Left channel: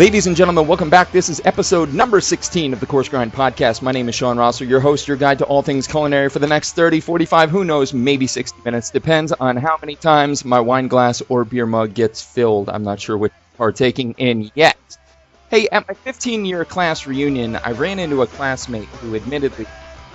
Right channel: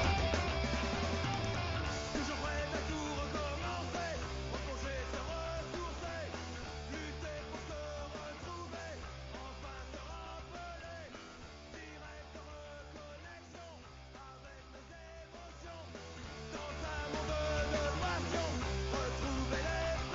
Ladies and gentlemen, welcome back. This is episode number 16 of the Coarse Grind podcast. My name is Sean Rosser, your host, your guide to all things culinary for the next 30, 45, who knows, maybe 60 minutes. Depends on how many times my wine glass or beer mug gets filled. I'm not sure which I'm partaking in yet. Hey, at my 15-year class reunion, I ran into a classmate who admittedly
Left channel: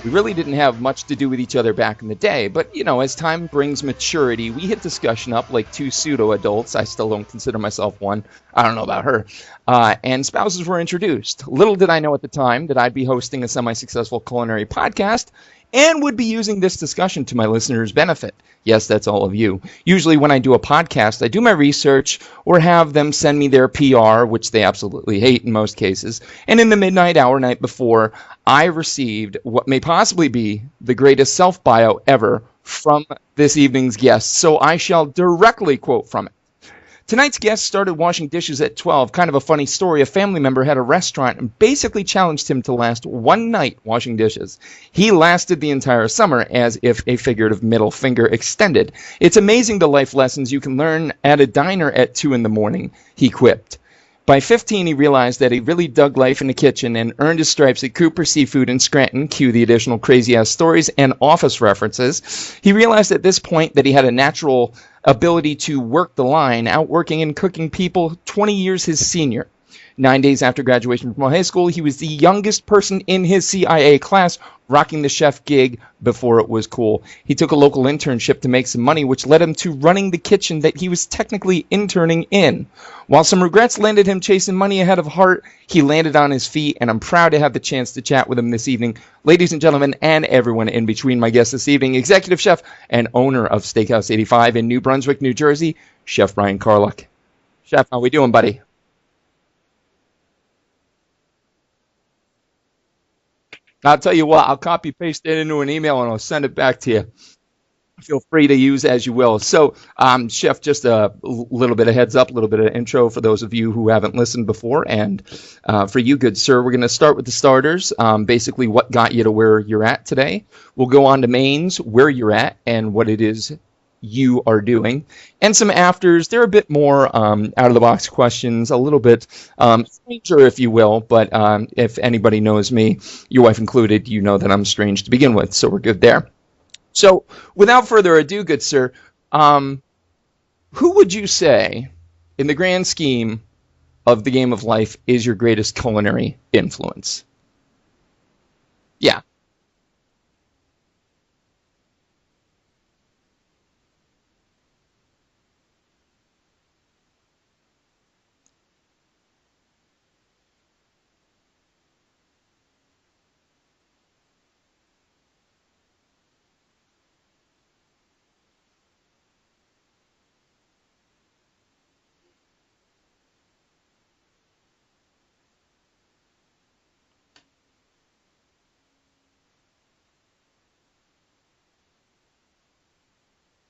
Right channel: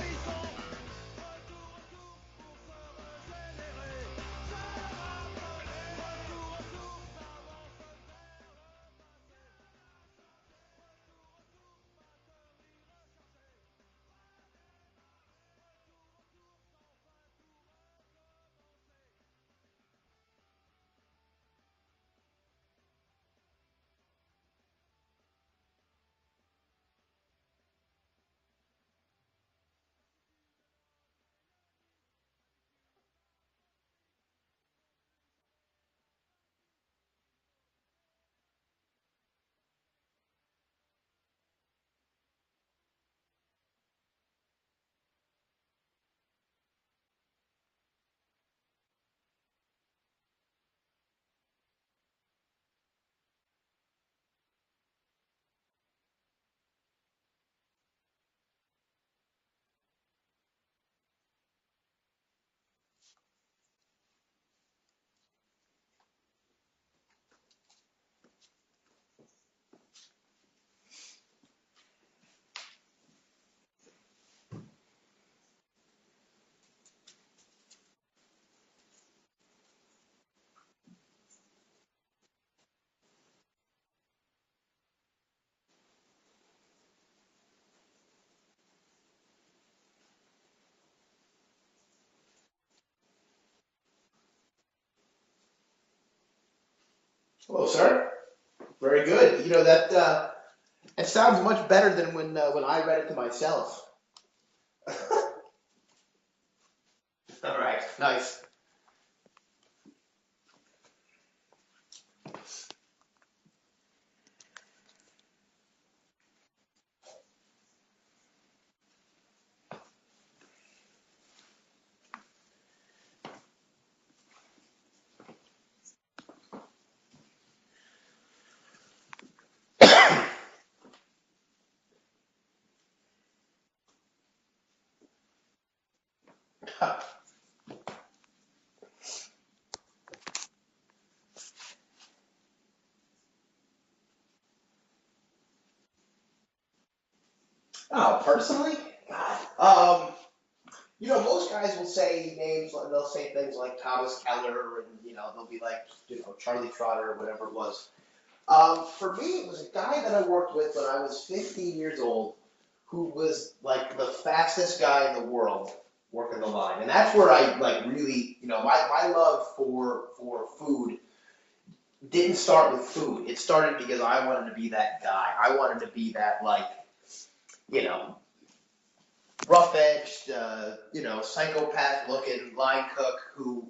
we really didn't have much to do with each other back in the day. But, you know, as time brings maturity, we hit discussion up like two pseudo-adults. I still don't consider myself one. I don't know about her. And spouses were introduced. Little did I know at the time that I'd be hosting a semi-successful culinary podcast and would be using this discussion to my listeners' benefit. Yes, that's all of you. Usually when I do a podcast, I do my research or have them send me their PR, which they absolutely hate in most cases. And in the midnight hour night before, I received what may possibly be the greatest self-bio ever from this evening's guest. So I shall directly quote from it. Tonight's guest started washing dishes at 12. Kind of a funny story. A family member had a restaurant and basically challenged him to last one night washing dishes. He lasted the entire summer, as if a figurative middle finger extended. It's amazing the life lessons you can learn at a diner at 2 in the morning, he quipped. By 15, he realized that he really dug life in the kitchen and earned his stripes at Cooper Seafood in Scranton, cue the additional crazy-ass stories and office references. He realized at this point that he had a natural ability to work the line, outworking and cooking people 20 years his senior. 9 days after graduation from high school, he was the youngest person in his CIA class, rocking the chef gig before it was cool. He took a local internship to make some money, which led him to running the kitchen that he was technically interning in. While some regrets landed him chasing money ahead of heart, he landed on his feet, and I'm proud to have the chance to chat with him this evening. Ladies and gentlemen, and everyone in between, my guest this evening, executive chef and owner of Steakhouse 85 in New Brunswick, New Jersey, Chef Brian Karluk. Hello, Chef, sir. how we doing, buddy? Very good. You know, it sounds much better than when I read it to myself. I'll tell you what, I'll copy paste it into an email and I'll send it back to you. All right. Nice. Feel free to use as you will. So, Chef, just a little bit of heads up, a little bit of intro for those of you who haven't listened before. And for you, good sir, we're going to start with the starters, basically what got you to where you're at today. We'll go on to mains, where you're at, and what it is you are doing, and some afters. They're a bit more out-of-the-box questions, a little bit sure, if you will, but if anybody knows me, your wife included, you know that I'm strange to begin with, so we're good there. So, without further ado, good sir, who would you say, in the grand scheme of the game of life, is your greatest culinary influence? Oh, personally? Yeah. You know, most guys will say names, they'll say things like Thomas Keller, and, you know, they'll be like, you know, Charlie Trotter, or whatever it was. For me, it was a guy that I worked with when I was 15 years old, who was, like, the fastest guy in the world working the line. And that's where I, like, really, you know, my love for food didn't start with food. It started because I wanted to be that guy. I wanted to be that, like, you know, rough-edged, you know, psychopath-looking line cook who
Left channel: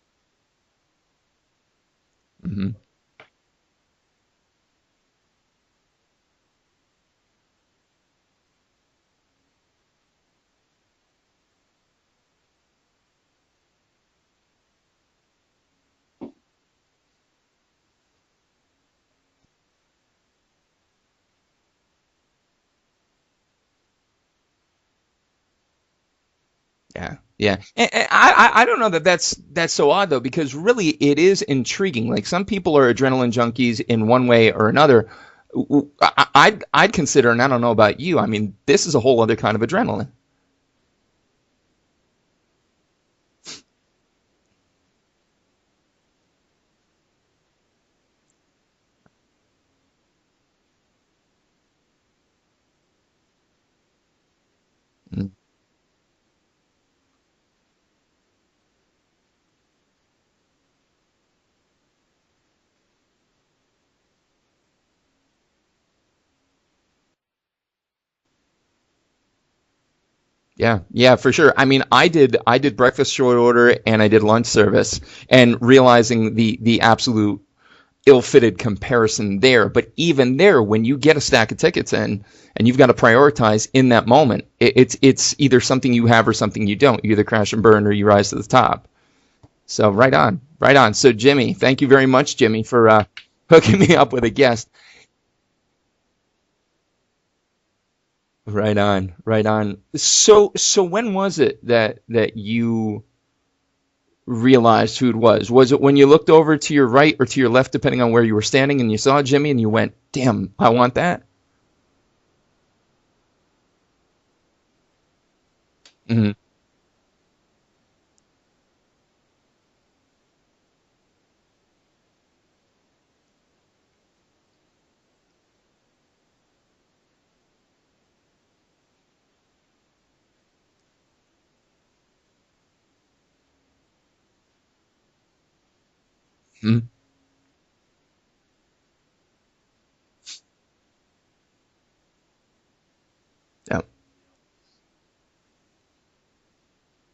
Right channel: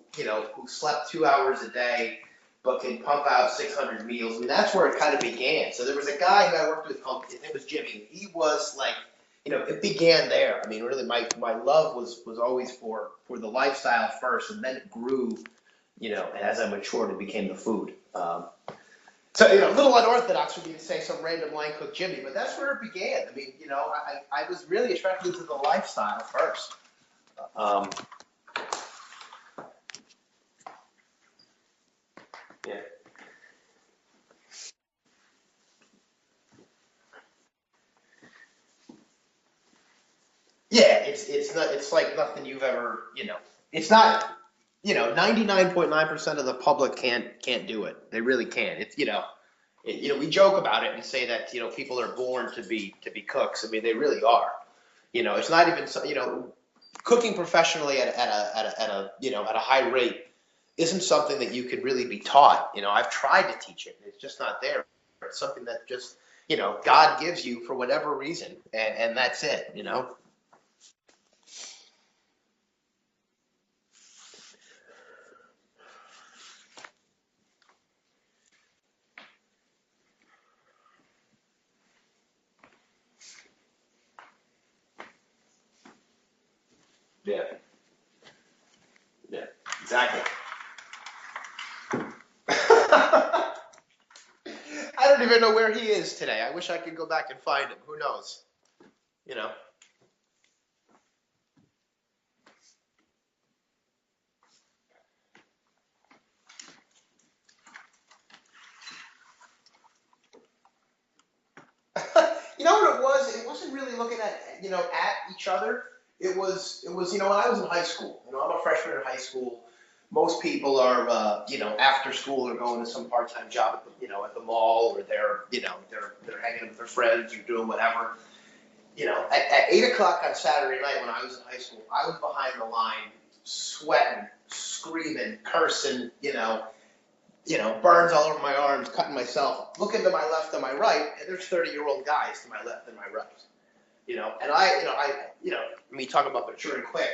slept 2 hours a day, but can pump out 600 meals. I mean, that's where it kind of began. So there was a guy who I worked with called, it was Jimmy. He was like, you know, it began there. I mean, really, my love was always for the lifestyle first, and then it grew, you know, and as I matured, it became the food. So, you know, a little unorthodox for me to say some random line cook Jimmy, but that's where it began. I mean, you know, I was really attracted to the lifestyle first. Yeah. And I don't know that's so odd, though, because really it is intriguing. Like, some people are adrenaline junkies in one way or another. I'd consider, and I don't know about you, I mean, this is a whole other kind of adrenaline. Yeah, it's like nothing you've ever, you know, it's not. You know, 99.9% of the public can't do it. They really can't. It's, you know, we joke about it and say that, you know, people are born to be cooks. I mean, they really are. You know, it's not even, you know, cooking professionally at a high rate isn't something that you could really be taught. You know, I've tried to teach it. It's just not there. It's something that just, you know, God gives you for whatever reason, and that's it. You know. Yeah, for sure. I mean, I did breakfast short order and I did lunch service, and realizing the absolute ill-fitted comparison there. But even there, when you get a stack of tickets in and you've got to prioritize in that moment, it's either something you have or something you don't. You either crash and burn or you rise to the top. Yeah, so exactly. Right on. So Jimmy, thank you very much, Jimmy, for hooking me up with a guest. I don't even know where he is today. I wish I could go back and find him. Who knows? Right on, right on. So when was it that you realized who it was? Was it when you looked over to your right or to your left, depending on where you were standing, and you saw Jimmy and you went, "Damn, I want that"? You know what it was? It wasn't really looking at each other. Hmm. It was when I was in high school. I'm a freshman in high school. Most people are after school or going to some part-time job at the mall, or they're hanging with their friends or doing whatever. At 8 o'clock on Saturday night when I was in high school, I was behind the line, sweating, screaming, cursing, Hmm. burns all over my arms, cutting myself. Looking to my left and my right, and there's 30-year-old guys to my left and my right. Yeah. And I talk about maturing quick.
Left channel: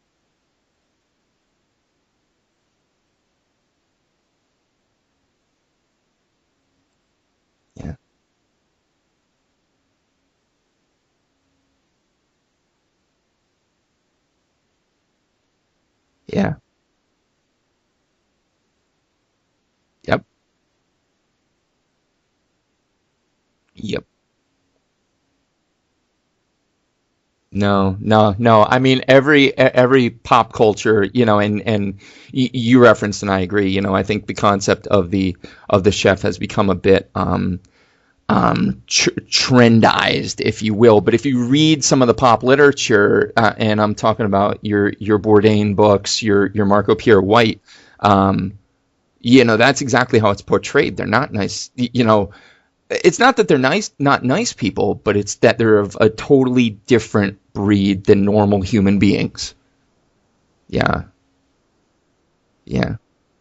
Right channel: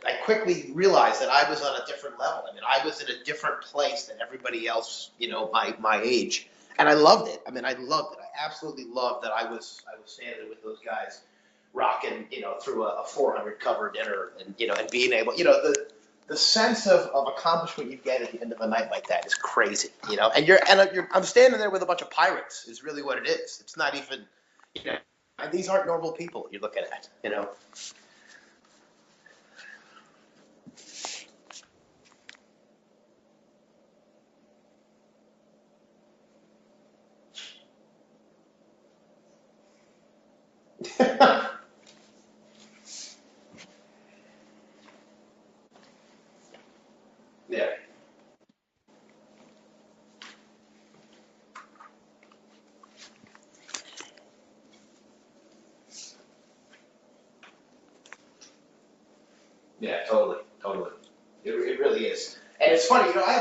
I quickly realized that I was on a different level. I mean, I was in a different place than everybody else, my age, and I loved it. I mean, I loved it. I absolutely loved that I was standing with those guys, rocking, through a 400 cover dinner, and being able, the Yeah. sense of accomplishment you get at the end of a night like that is crazy. Yep. I'm standing there with a bunch of pirates. Is really what it is. It's not Yep. even, and these aren't normal people you're looking at. No, no, no. I mean, every pop culture, and you referenced, and I agree. I think the concept of the chef has become a bit trendized, if you will. But if you read some of the pop literature, and I'm talking about your Bourdain books, your Marco Pierre White, that's exactly how it's portrayed. They're not nice. It's not that they're not nice people, but it's that they're of a totally different breed than normal human beings. Yeah, totally. Yeah. It really is. And it's funny, I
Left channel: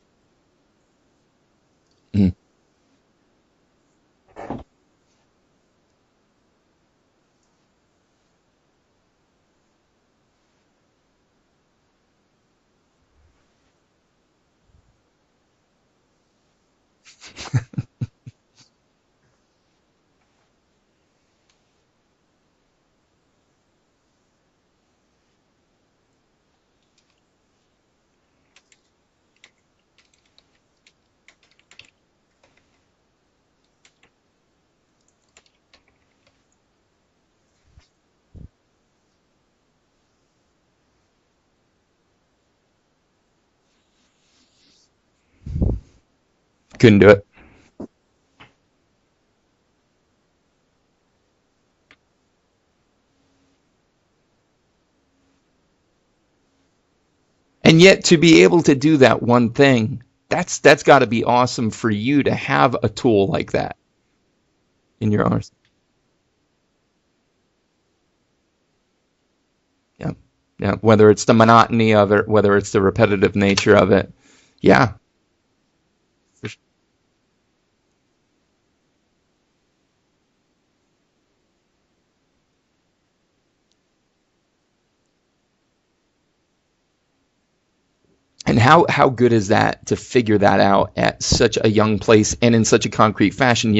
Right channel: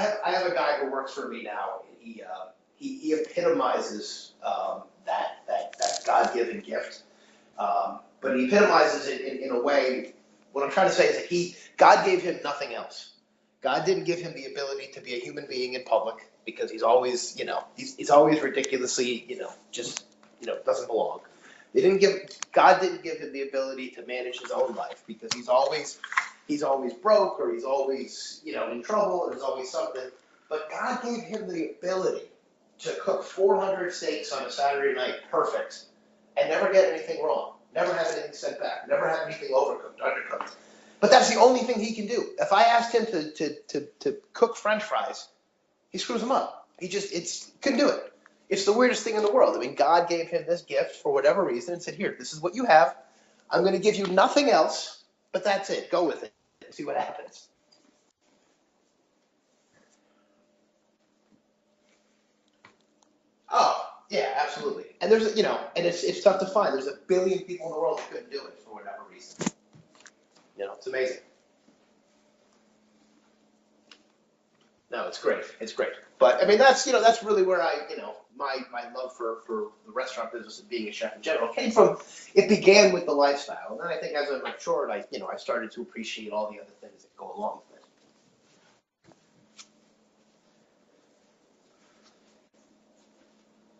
have a guy who works for me now. Mm. He epitomizes that God-given gift, but he epitomizes it in a way. What I'm trying to say is that God gave him nothing else. God didn't give him the ability to be a human being in public, because he's always, he's always ridiculously, just, doesn't belong. God didn't give him the ability to manage his own life, because he's always broke, or he's always, in trouble, or there's always something. But God gave him the ability to cook 400 steaks on a Saturday night perfect, and never get anything wrong, never have anything sent back, never have anything overcooked, undercooked. But that's the only thing he can do. If I asked him to cook French fries, he screws them up. Couldn't do it. Couldn't do it. It's the weirdest thing in the world. I mean, God gave him this gift for whatever reason and said, "Here, this is what you have. I'm going to give you nothing else, but that's it. Go with it. See what happens." And yet, to be able to do that one thing, that's got to be awesome for you to have a tool like that. Yeah, absolutely. And there's, and it's tough to find. There's a billion people in the world that couldn't do it for whatever reason. Yeah. Yeah. Whether it's the monotony of it, whether it's the repetitive nature of it. Yeah. No, it's great. It's great. But I mean, that's really where my love for the restaurant business and being a chef in general came from. It began with the lifestyle, and then I think as I matured, I started to appreciate all the other things that go along with it. And how good is that to figure that out at such a young place and in such a concrete fashion?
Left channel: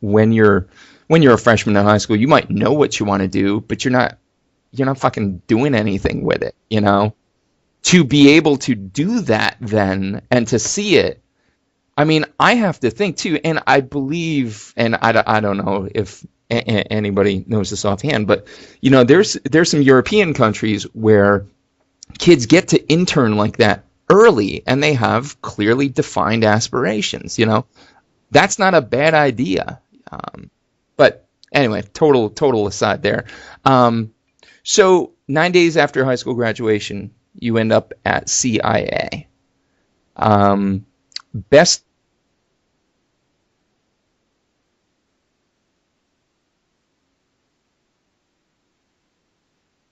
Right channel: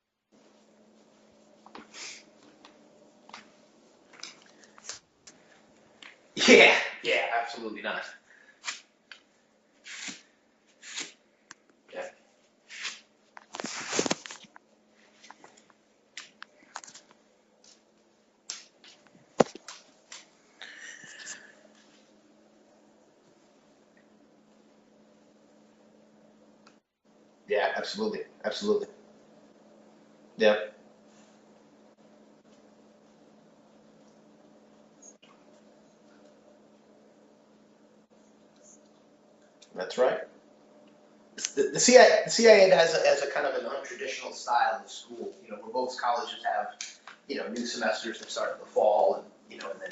When you're a freshman in high school, you might know what you want to do, but you're not fucking doing anything with it. Yeah, absolutely. To be able to do that then and to see it. I mean, I have to think too, and I believe, and I don't know if anybody knows this offhand, but there's some European countries where kids get to intern like that early, and they have clearly defined aspirations. Yeah, absolutely. That's not a bad idea. Yeah. But anyway, total aside there. So 9 days after high school graduation, you end up at CIA. That's right. The CIA has a kind of an untraditional style of school. Where most colleges have, new semesters that start in the fall, and then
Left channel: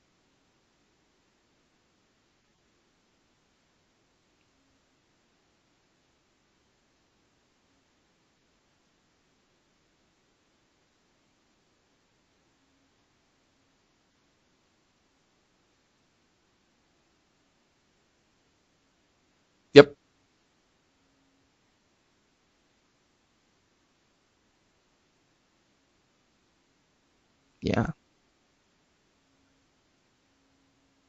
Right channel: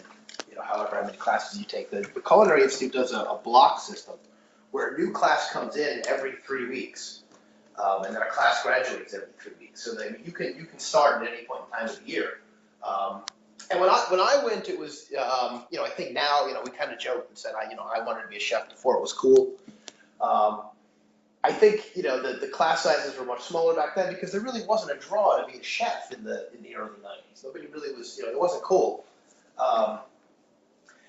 however many classes you take. The Culinary Institute does a block system where a new class comes in every 3 weeks, and then a class graduates every 3 weeks. So that you can start at any point in time of the year. And when I went, it was I think now we kind of joked and said I wanted to be a chef before it was cool. Yep. I think the class sizes were much smaller back then because there really wasn't a draw to be a chef in the early 90s. Nobody really was it wasn't cool.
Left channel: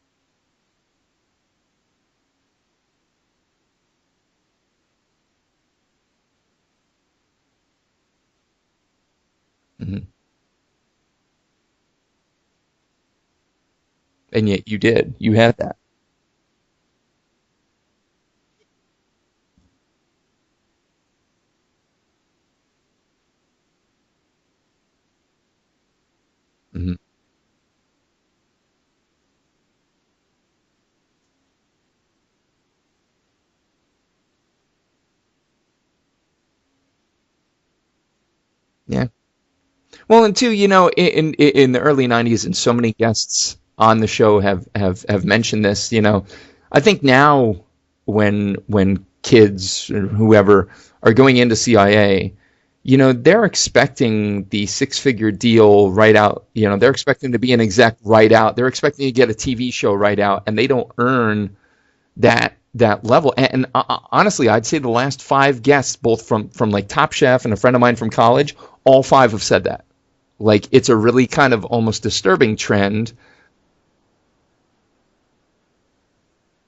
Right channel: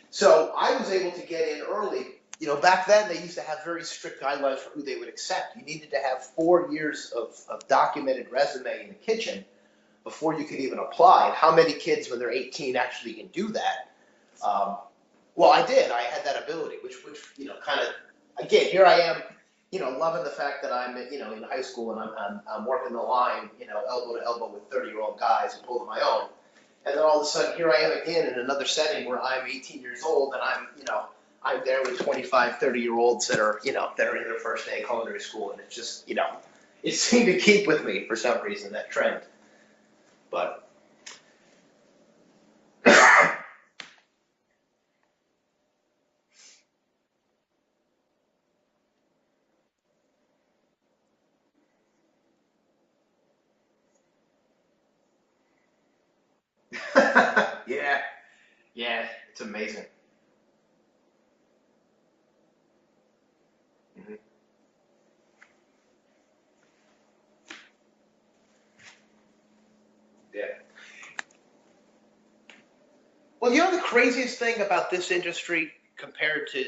So I was able to get in early back then they used to have very strict guidelines for who they would accept. You needed to have 4 years of documented resume in the kitchen before you could even apply. And how many kids when they're 18 actually can do that? And yet you did. You had. Well, I did. I had that ability, which kind of, again, here I am, loving the fact that I'm, in high school and I'm working the line, elbow to elbow with 30-year-old guys and pulling my own. And then all of a sudden, here I am again in another setting where I'm 18 years old and I'm there with 25, 30-year-olds that are, that are in their first day of culinary school. And it's just, it seemed to keep with me for some reason, that trend. Well, and too, in the early 90s, and so many guests on the show have mentioned this, I think now when kids or whoever are going into CIA, they're expecting the 6-figure deal right out. They're expecting to be an exec right out. They're expecting to get a TV show right out, and they don't earn that level. And honestly, I'd say the last 5 guests, both from like Top Chef and a friend of mine from college, all 5 have said that. Yeah. Like, it's a really kind of almost disturbing trend. Well, the craziest thing about this industry compared to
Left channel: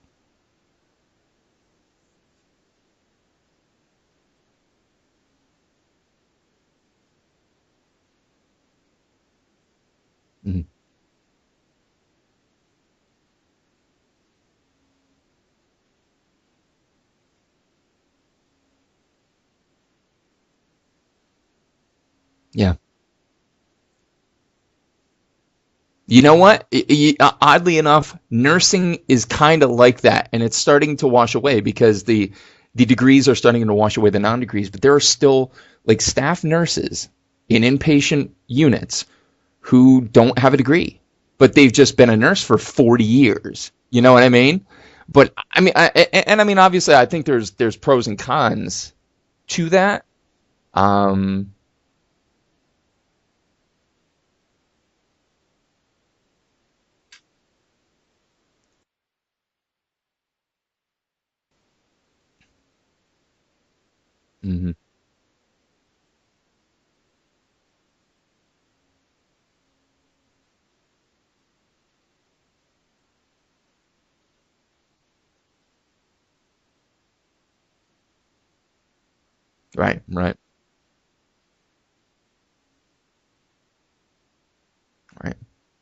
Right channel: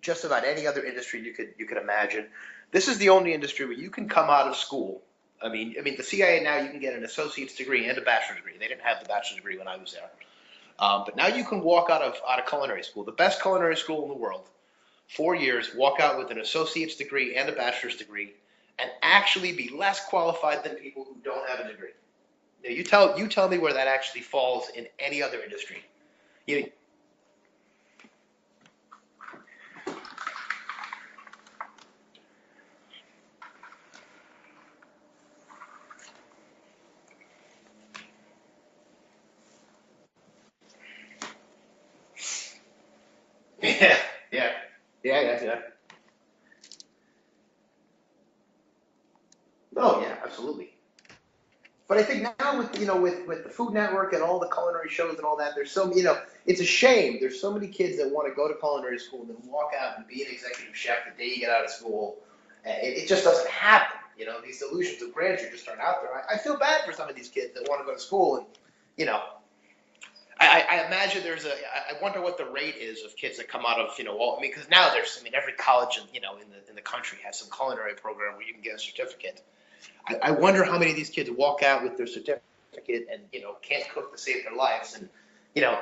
just about any other industry you could imagine, this is the only industry where you can come out of school. I mean, the CIA now, you can get an associate's degree and a bachelor's degree. They didn't have the bachelor's degree when I was there. But now you can walk out of culinary school, the best culinary school in the world, 4 years, walk out with an associate's degree and a bachelor's degree, and actually be less qualified than people who don't have a degree. Yeah. So you tell me where that actually falls in any other industry. You know what? Oddly enough, nursing is kind of like that, and it's starting to wash away because the degrees are starting to wash away the non-degrees, but there are still like staff nurses in inpatient units who don't have a degree, but they've just been a nurse for 40 years. You know what I mean? Yeah, but I mean, obviously, I think there's pros and cons to that. Oh, yeah, absolutely. But I think now with the Food Network and all the culinary shows and all that, there's so it's a shame. There's so many kids that want to go to culinary school and then walk out and be an executive chef the day you get out of school. It just doesn't happen. These illusions of grandeur just aren't out there. I feel bad for some of these kids that want to go to school, and I imagine I wonder what the rate is of kids that come out of because now every college in the country has some culinary program where you can get a certificate. Right. I wonder how many of these kids walk out with their certificate and can't cook to save their lives and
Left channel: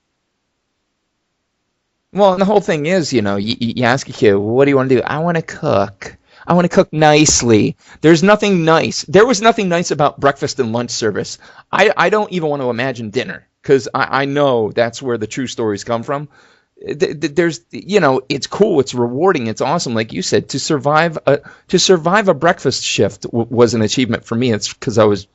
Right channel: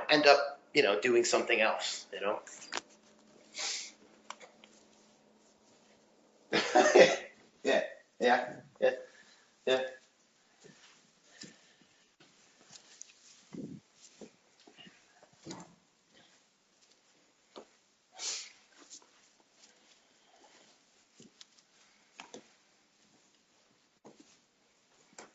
end up doing something else. Well, and the whole thing is you ask a kid, well, what do you want to do? I want to cook. I want to cook nicely. There's nothing nice. There was nothing nice about breakfast and lunch service. I don't even want to imagine dinner because I know that's where the true stories come from. There's it's cool, it's rewarding, it's awesome, like you said. To survive a breakfast shift was an achievement for me. It's because I was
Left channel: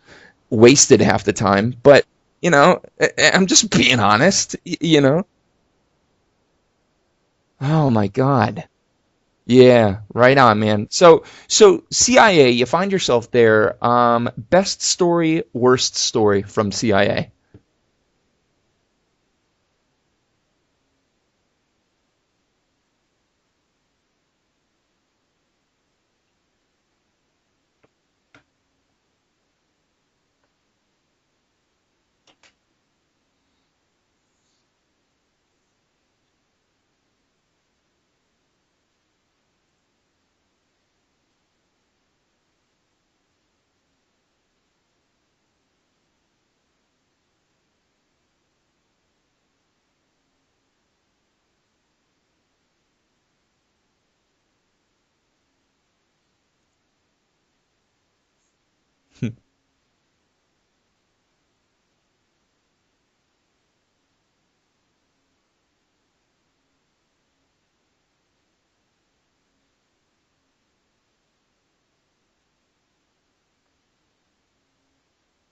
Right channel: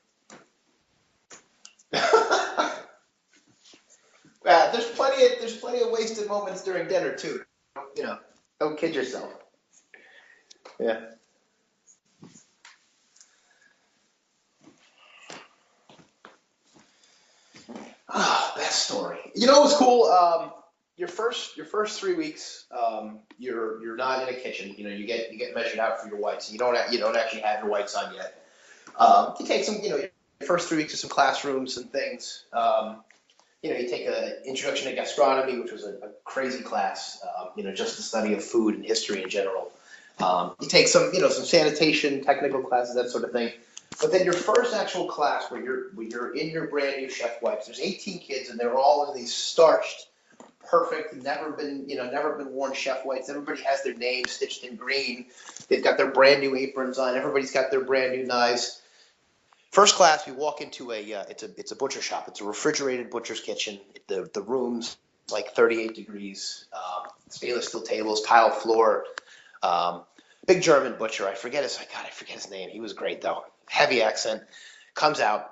wasted half the time, but I'm just being honest. There's plenty of wasted moments during dinner too. Oh my God! Don't kid yourself. Yeah, right on, man. Yeah. So CIA, you find yourself there. Best story, worst story from CIA. Best story. It was cool. Your first 3 weeks, you're not in a kitchen. You get measured out for your whites. You don't actually have your whites on yet. You take some, your first 3 weeks of some classrooms and things. You take an introduction to gastronomy, which was a crazy class. Just the study of food and history in general. You take some, some sanitation, technical classes, that sort of thing. But then your first actual class, where you're in your brand new chef wipes. There's 18 kids, and they're all in these starched, perfect, never been worn chef whites. Everybody has their name stitched in green. They've got their brand new aprons on. Everybody's got their brand new knives. First class, we walk into it's a butcher shop. It's a refrigerated butcher's kitchen. The room's like 38 degrees. Stainless steel tables, tile floor. Big German butcher. I forget his name. He was great though. Heavy accent. Comes out,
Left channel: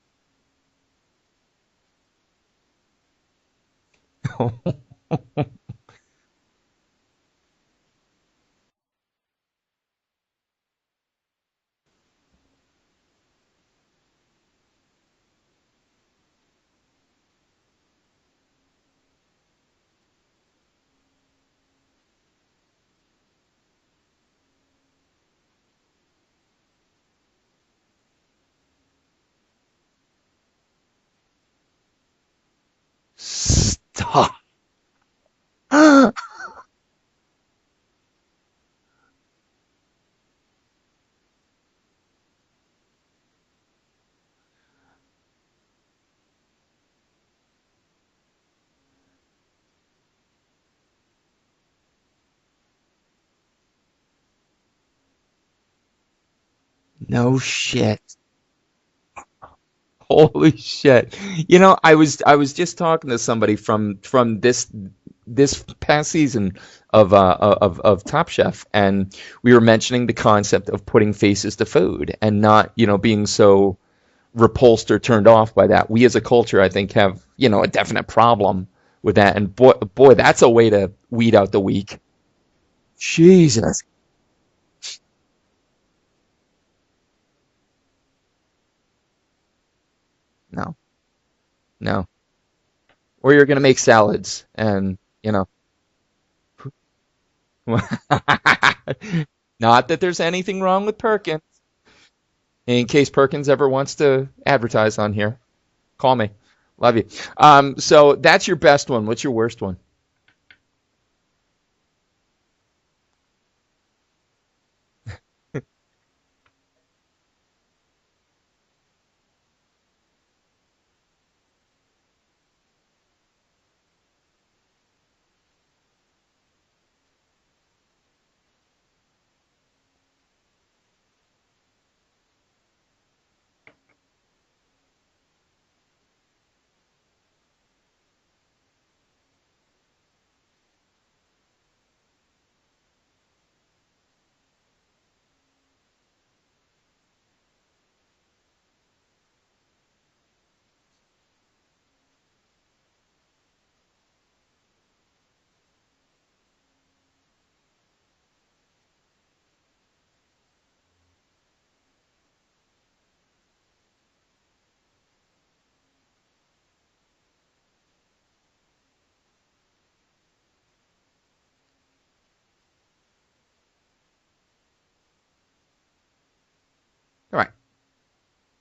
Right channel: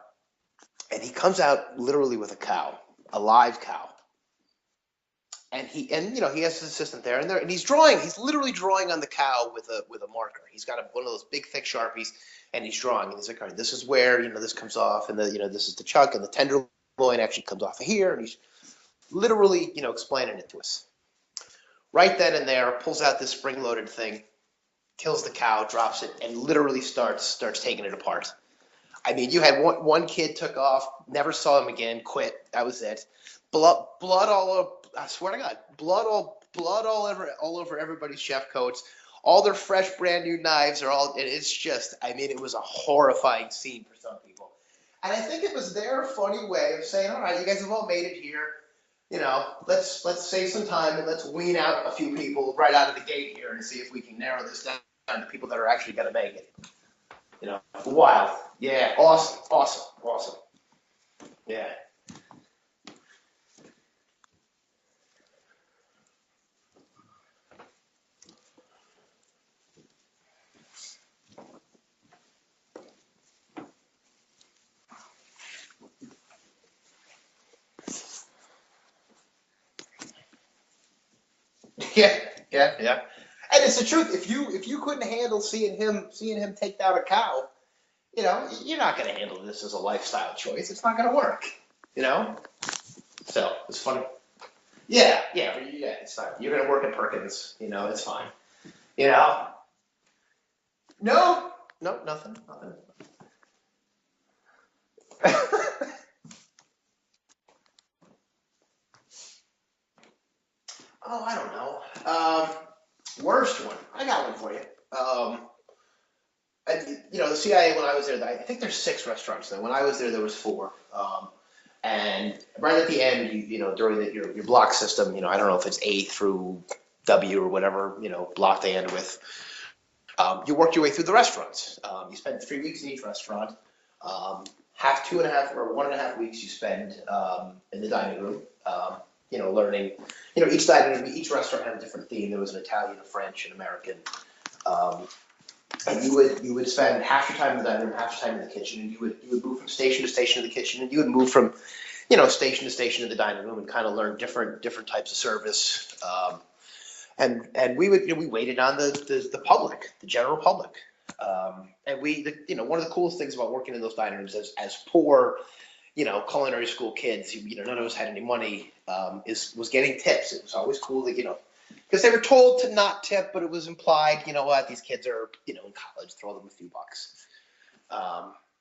and he comes out literally with a cow, a live cow. And he has his assistant there, and he's drawing. He's literally drawing on the cow with a marker. He's got one of those big thick Sharpies, and he's drawing. And he's like, all right, this is where this comes off, and this is the chunk, and the tenderloin actually comes off of here. And he's literally explaining it to us. Right then and there, pulls out this spring-loaded thing, kills the cow, drops it, and literally starts taking it apart. I mean, you had one kid took off, never saw him again, quit. That was it. Blood I swear to God, blood all over everybody's chef coats. All their fresh, brand new knives are all. And it's just, I mean, it was a horrifying scene for some people. And I think it was their funny way of saying, all right, you guys have all made it here. You know, let's save some time and let's wean out a few people right out of the gate here and see if we can narrow this down to people that are actually going to make it. No shit. Wild. Yeah, awesome. Holy shit. You know, I was just talking to somebody from this past season of Top Chef, and we were mentioning the concept of putting faces to food and not, you know, being so repulsed or turned off by that. We as a culture, I think, have, you know, a definite problem with that. And boy, that's a way to weed out the weak. Yeah. Jesus. And it's the truth. If you couldn't handle seeing him take down a cow, you know, you're not going to handle this as a lifestyle choice. No. It's not going to work. No. You know? Or you're going to make salads and, yeah, you know. Yeah, it's fine. You're going to work at Perkins. You know, it's fine. You know? Not that there's anything wrong with Perkins. No, nothing. In case Perkins ever wants to advertise on here, call me. Love you. So that's your best one. What's your worst one? Oh, I don't know. Worst one. I got one for you. You know, the CIA, when I was there, I think there's 6 restaurants there. When I was there was 4. And right at the end, you know, during your block system, you know, I don't know if it's A through W or whatever, you know, block they end with. You work your way through the restaurants. You spend 3 weeks in each restaurant. 2.5 or 1.5 weeks you spend in the dining room. You know, learning. You know, each restaurant had a different theme. There was an Italian, a French, an American. And you would spend half your time in the dining room, half your time in the kitchen, and you would move from station to station in the kitchen, and you would move from, you know, station to station in the dining room and kind of learn different types of service. And we waited on the public, the general public. And you know, one of the coolest things about working in those dining rooms as poor, you know, culinary school kids, you know, none of us had any money, was getting tips. It was always cool to, you know, because they were told to not tip, but it was implied, you know what, these kids are, you know, in college, throw them a few bucks. Right.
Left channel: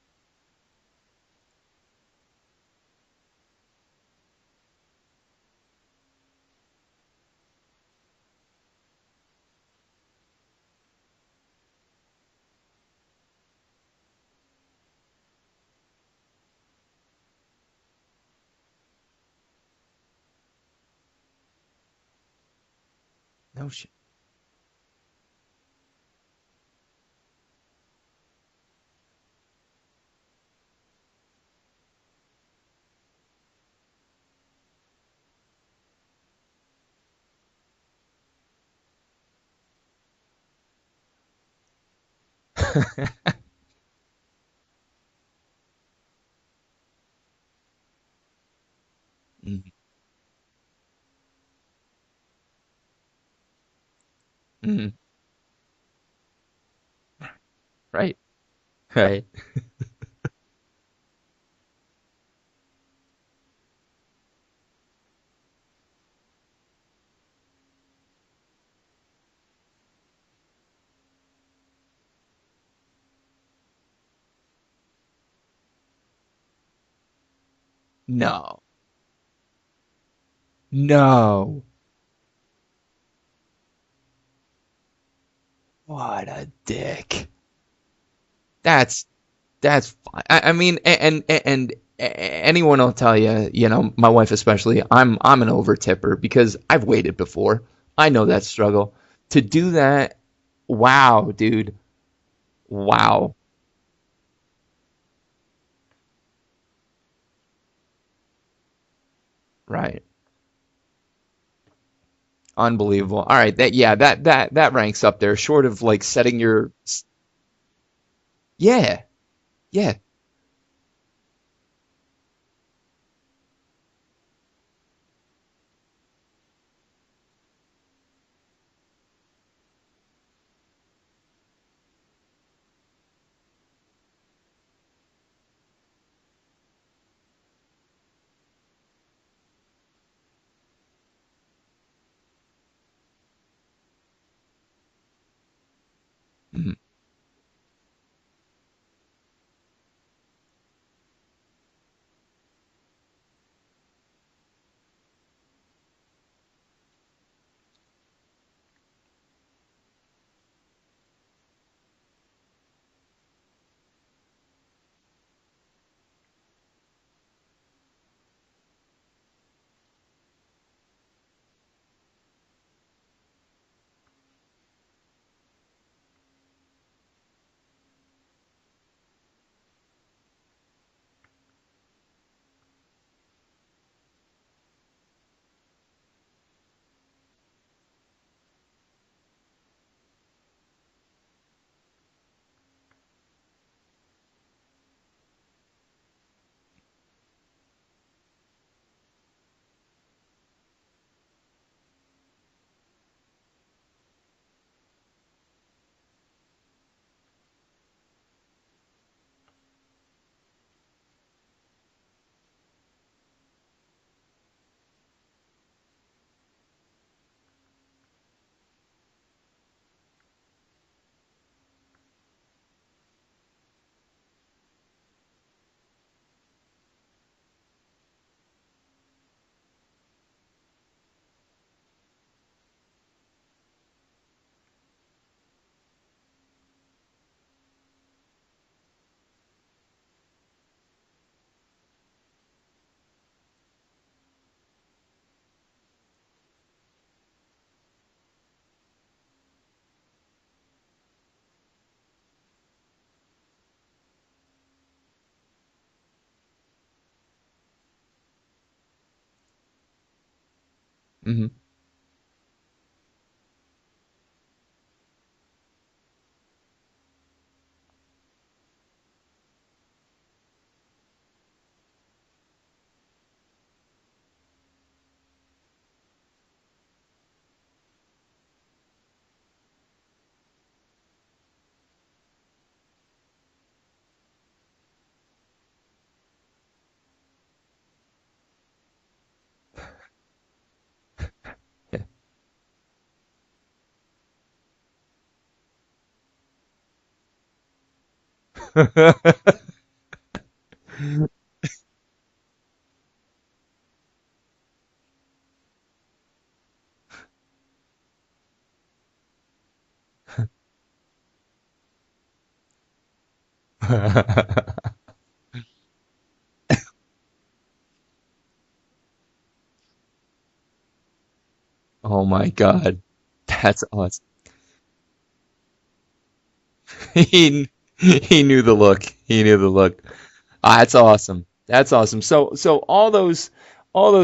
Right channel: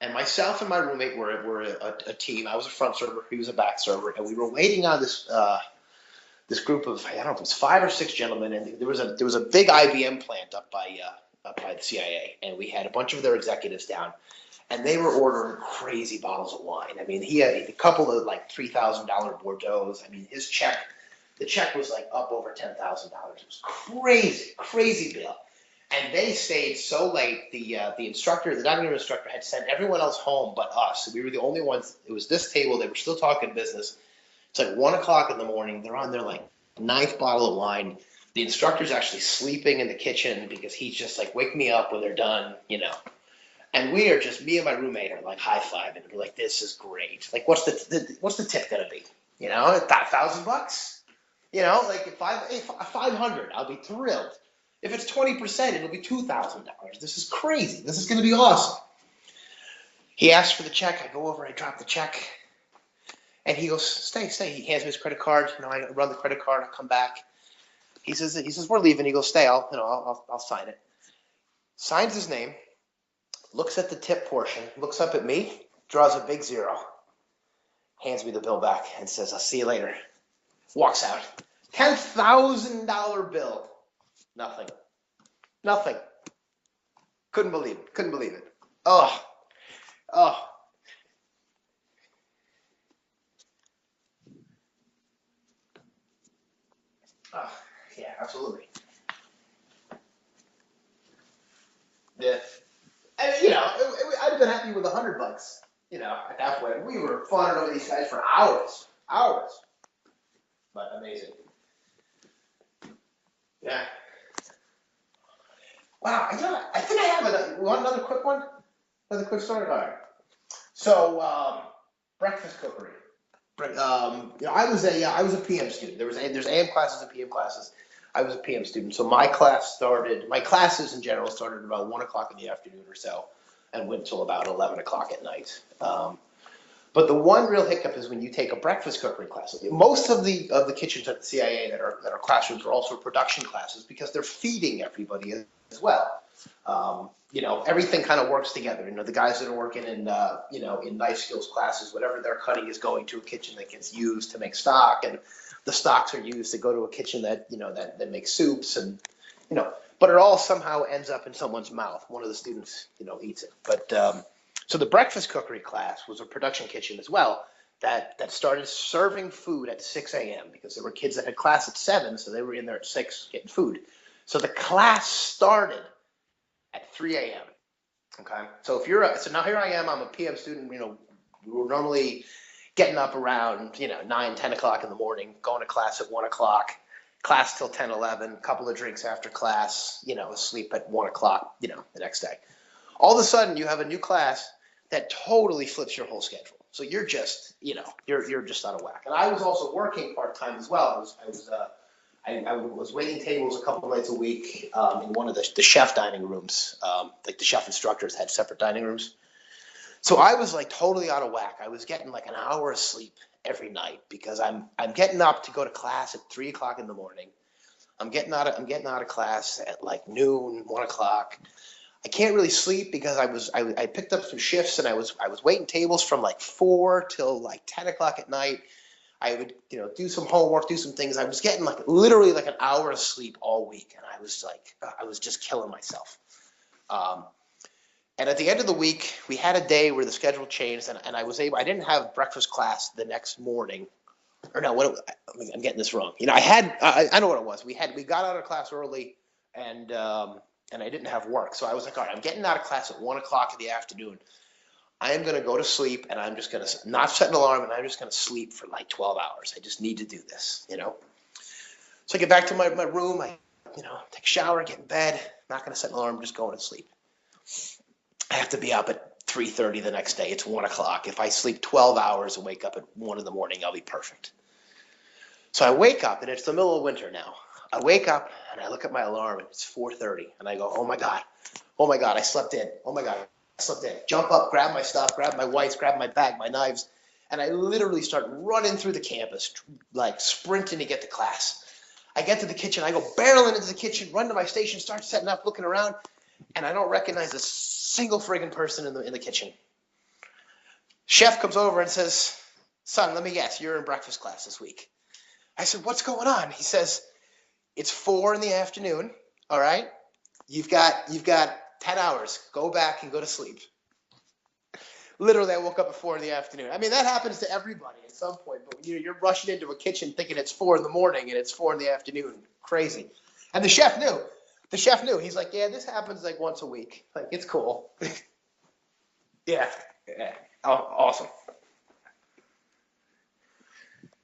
And myself and my roommate were a team. I was a front server, he was a back server, and we were waiting on this group of, I don't know if it was 5 or 6 gentlemen, and there was a big IBM plant up by the CIA, and we had a bunch of their executives down, and they were ordering crazy bottles of wine. I mean, he had a couple of like $3,000 Bordeaux. I mean, the check was like up over $10,000. It was crazy bill. And they stayed so late. The dining room instructor had sent everyone else home but us. We were the only ones. It was this table. They were still talking business. It's like 1 o'clock in the morning. They're on their like 9th bottle of wine. The instructor's actually sleeping in the kitchen because he's just like, wake me up when they're done, you know. And we are just, me and my roommate are like high-fiving. We're like, this is great. Like, what's the tip gonna be? You know, $1,000. You know, like if 500, I'll be thrilled. Mm. If it's 20%, it'll be $2,000. This is crazy. This is going to be awesome. Right. He asked for the check. I go over, I drop the check, and he goes, "Stay." He hands me his credit card. You know, I run the credit card. I come back. He says, "We're leaving." He goes, "Stay. I'll sign it." Signs his name. Looks at the tip portion. Looks up at me. Draws a big 0. Hands me the bill back and says, "I'll see you later." Walks No. $10,000 bill. Nothing. What a dick. Couldn't believe it. That's. I mean, and anyone will tell you, you know, my wife especially, I'm an over tipper because I've waited before. I know that struggle. To do that, wow, dude. Yeah. Wow. And, you know, I'd have been happy with $100. You know, at that point, we were fawning over these guys for hours. Right. But amazing. Unbelievable. All right, that ranks up there, short of like setting your. I think I have another quick one. Yeah. Another quick story. Yeah. So breakfast cookery. You know, I was a PM student. There's AM classes and PM classes. I was a PM student, so my classes in general started about 1 o'clock in the afternoon or so, and went till about 11 o'clock at night. But the one real hiccup is when you take a breakfast cookery class. Most of the kitchens at the CIA that are classrooms are also production classes because they're feeding everybody as well. Mm-hmm. You know, everything kind of works together. You know, the guys that are working in you know, in knife skills classes, whatever they're cutting is going to a kitchen that gets used to make stock, and the stocks are used to go to a kitchen that, that makes soups and, but it all somehow ends up in someone's mouth. One of the students, eats it. But so the breakfast cookery class was a production kitchen as well that started serving food at 6 a.m. because there were kids that had class at 7, so they were in there at 6 getting food. So the class started at 3 a.m. Okay, so so now here I am. I'm a PM student. We were normally getting up around 9, 10 o'clock in the morning, going to class at 1 o'clock, class till 10, 11, a couple of drinks after class, asleep at 1 o'clock, the next day. All of a sudden, you have a new class that totally flips your whole schedule. So you're just, you're just out of whack. And I was also working part-time as well. I was waiting tables a couple of nights a week in one of the chef dining rooms. Like the chef instructors had separate dining rooms. So I was like totally out of whack. I was getting like an hour of sleep every night because I'm getting up to go to class at 3 o'clock in the morning. I'm getting out of class at like noon, 1 o'clock. I can't really sleep because I picked up some shifts and I was waiting tables from like 4 till like 10 o'clock at night. I would, do some homework, do some things. I was getting like literally like an hour of sleep all week. And I was just killing myself. And at the end of the week, we had a day where the schedule changed and I didn't have breakfast class the next morning. Or no, I'm getting this wrong. I know what it was. We got out of class early and I didn't have work. So I was like, all right, I'm getting out of class at 1 o'clock in the afternoon. I am going to go to sleep and I'm just going to not set an alarm and I'm just going to sleep for like 12 hours. I just need to do this, Mm-hmm. So I get back to my room. I, take a shower, get in bed, not going to set an alarm, just going to sleep. I have to be up at 3:30 the next day. It's 1 o'clock. If I sleep 12 hours and wake up at 1 in the morning, I'll be perfect. So I wake up and it's the middle of winter now. I wake up and I look at my alarm and it's 4:30 and I go, oh my God, I slept in. Oh my God, I slept in. Jump up, grab my stuff, grab my wipes, grab my bag, my knives. And I literally start running through the campus, like sprinting to get to class. I get to the kitchen, I go barreling into the kitchen, run to my station, start setting up, looking around, and I don't recognize a single friggin' person in the kitchen. Chef comes over and says, son, let me guess, you're in breakfast class this week. I said, what's going on? He says, it's 4 in the afternoon, all right? You've got 10 hours. Go back and go to sleep. Literally, I woke up at 4 in the afternoon. I mean, that happens to everybody at some point. But you're rushing into a kitchen thinking it's 4 in the morning and it's 4 in the afternoon. Oh my God. Crazy. And That's the chef awesome. knew. The chef knew. He's like, yeah, this happens like once a week. Cool. He knew the look. He knew the look. Yeah. That's awesome. That's awesome. So all those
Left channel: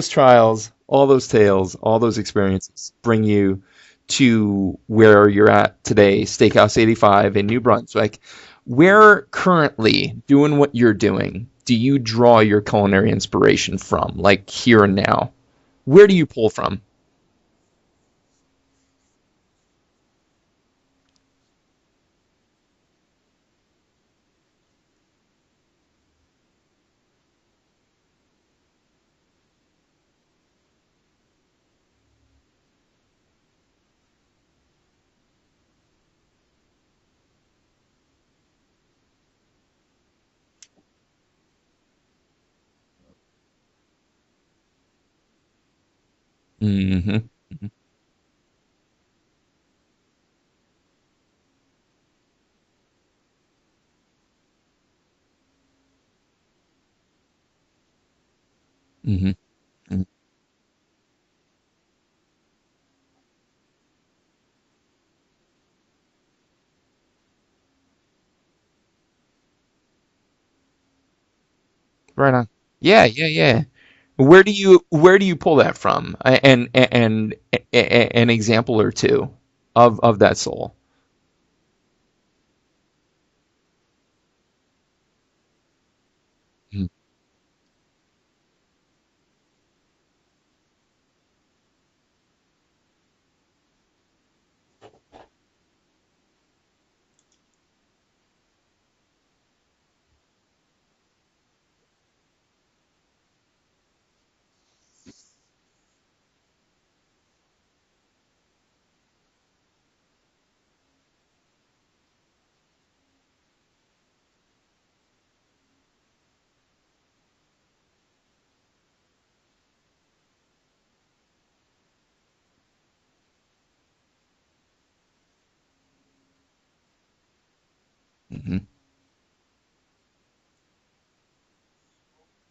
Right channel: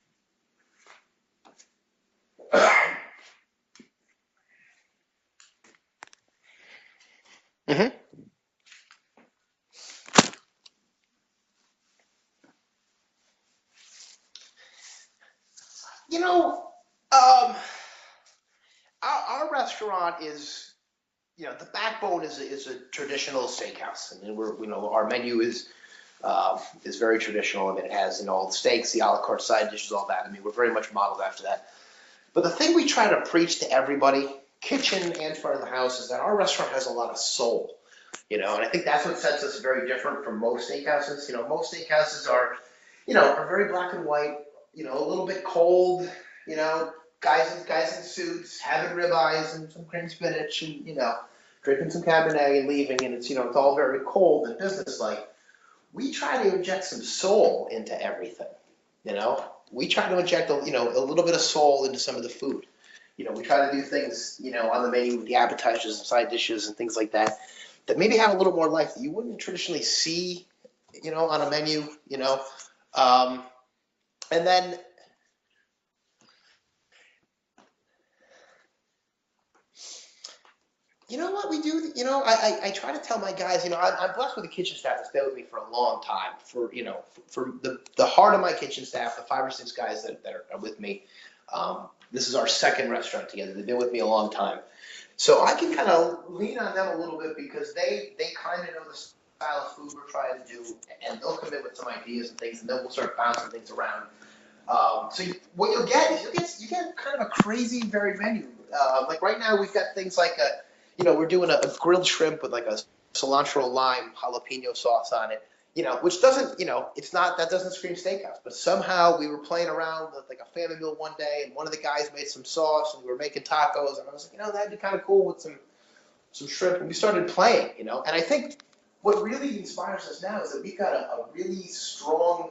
trials, all those tales, all those experiences bring you to where you're at today, Steakhouse 85 in New Brunswick. Mm-hmm. Where currently, doing what you're doing, do you draw your culinary inspiration from, like here and now? Where do you pull from? Our restaurant is, the backbone is a traditional steakhouse. I mean, our menu is very traditional. I mean, it has, all the steaks, the a la carte side dishes, all that. I mean, we're very much modeled after that. But the thing we try to preach to everybody, kitchen and front of the house, is that our restaurant has a lot of soul. And I think that's what sets us very different from most steakhouses. Most steakhouses are very black and white, a little bit cold, Mm-hmm. guys in suits, having ribeyes and some cream spinach and, drinking some Cabernet and leaving, and it's all very cold and businesslike. We try to inject some soul into everything, Mm-hmm. We try to inject a little bit of soul into some of the food. We try to do things, on the menu with the appetizers and side dishes and things like that maybe have a little more life that you wouldn't traditionally see, on a menu. Right on. Yeah. Where do you pull that from? And an example or two of that soul. You know what we do? I try to tell my guys, I'm blessed with a kitchen staff that's been with me for a long time. For the heart of my kitchen staff, the 5 or 6 guys that are with me, this is our second restaurant together. They've been with me a long time. So I can kind of lean on them a little bit because they kind of know the style of food we're trying to do, and they'll come in with some ideas and things, and then we'll start bouncing things around. What you'll get is you get kind of a crazy varied menu. Like right now we've got things like we're doing a grilled shrimp with like a cilantro lime jalapeno sauce on it. which doesn't, it's not, that doesn't scream steakhouse, but somehow we were playing around with like a family meal one day, and one of the guys made some sauce, and we were making tacos, and I was like, that'd be kind of cool with some shrimp, and we started playing, and I think what really inspires us now is that we've got a really strong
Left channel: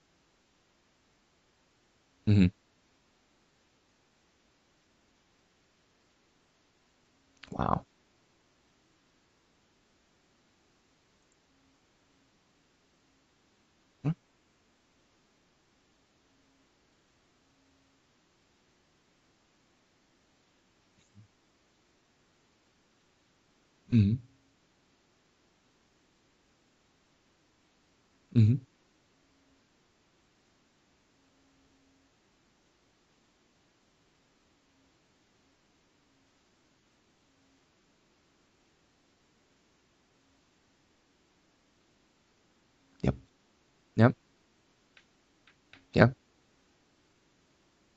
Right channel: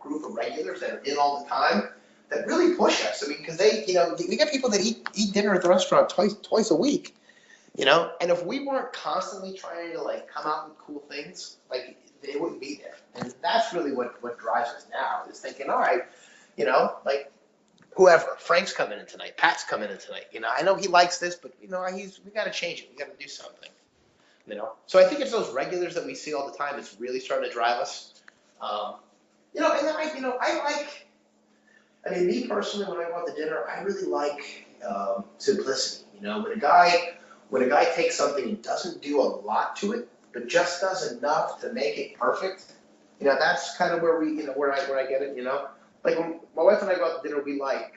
group of regulars that are in all the time that really push us. I mean, because they, we got people that eat dinner at the restaurant twice a week. Wow. And if we weren't constantly trying to like come out with cool things, like they wouldn't be there. And that's really what drives us now, is thinking, all right, like whoever, Frank's coming in tonight, Pat's coming in tonight. I know he likes this, but we got to change it. We got to do something. So I think it's those regulars that we see all the time that's really starting to drive us. And then I mean, me personally, when I go out to dinner, I really like simplicity. When a guy takes something and doesn't do a lot to it, but just does enough to make it perfect, that's kind of where we, where I get it. Like when my wife and I go out to dinner, we like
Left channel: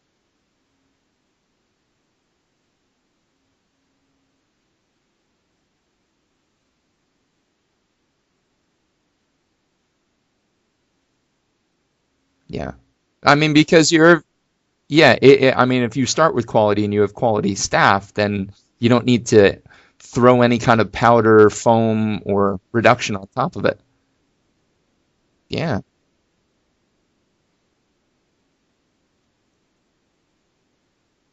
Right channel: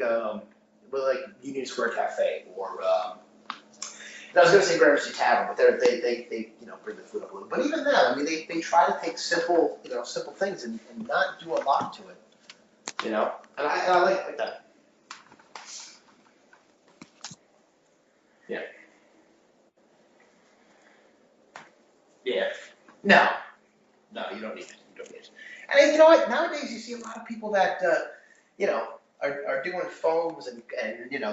Union Square Cafe, or I was going to say Gramercy Tavern, but they bring the food up a little. But even then, I mean, they try to take simple things and not do a lot to it. Yeah. I mean, because you're. Yeah, I mean, if you start with quality and you have quality staff, then you don't need to throw any kind of powder, foam, or reduction on top of it. No, you don't need it. Yeah. And you know what? Nowadays, you see a lot of people that, are doing foams and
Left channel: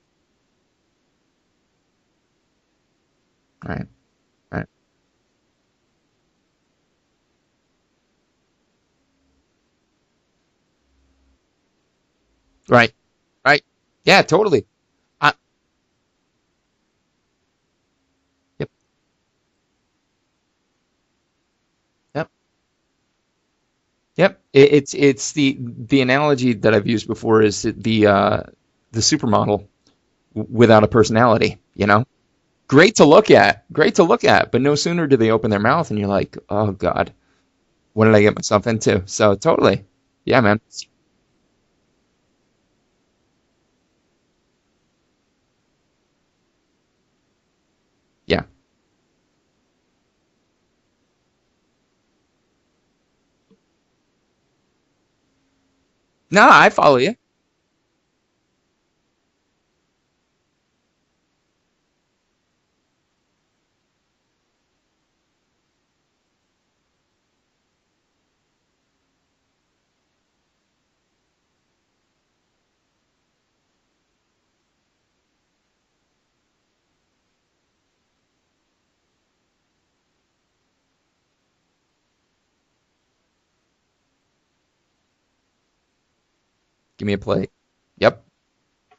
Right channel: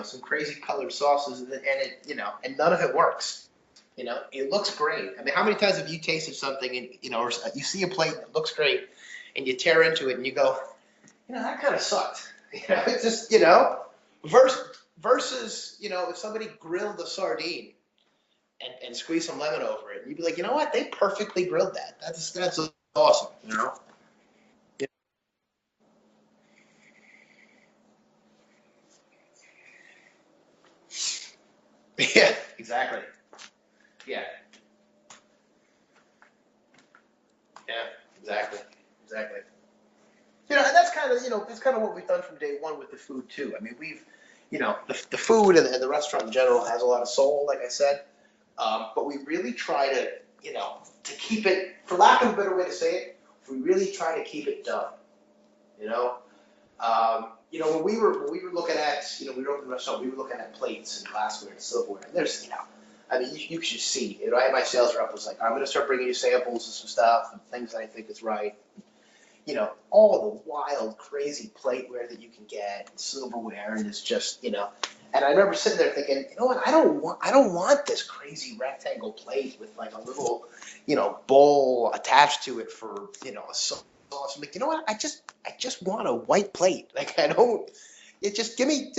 some crazy colored sauces, and it, and none of it works. Right. It looks great. I mean, how many times have you tasted something and, or you see a plate that looks great and you tear into it and you go, that kind of sucked. Right. It's just, Right. Yeah, totally. Versus, if somebody grilled a sardine and squeezed some lemon over it, you'd be like, you know what? They perfectly grilled that. That's awesome. Yep. It's the analogy that I've used before is the supermodel without a personality. Yeah. Exactly. Great to look at, but no sooner do they open their mouth and you're like, oh God, what did I get myself into? So totally. Yeah, man. And that's kind of what we've done from day one with the food too. I mean, we've, the food and the restaurant in general has a lot of soul, like I said. Yeah. But we really try to, to keep it, for lack of a better way to say it, we really try to keep it done. No, I follow you. When we were looking at, we were opening the restaurant, we were looking at plates and glassware and silverware. And there's, I mean, you should see. I had my sales rep was like, I'm going to start bringing you samples of some stuff and things that I think is right. All the wild, crazy plateware that you can get, and silverware, and it's just, And I remember sitting there thinking, you know what? I don't want this crazy rectangle plate with like a little, bowl attached to it for, a sauce. I'm like, you know what? I just want a white plate. Like, give me a plate. Yep. Just give me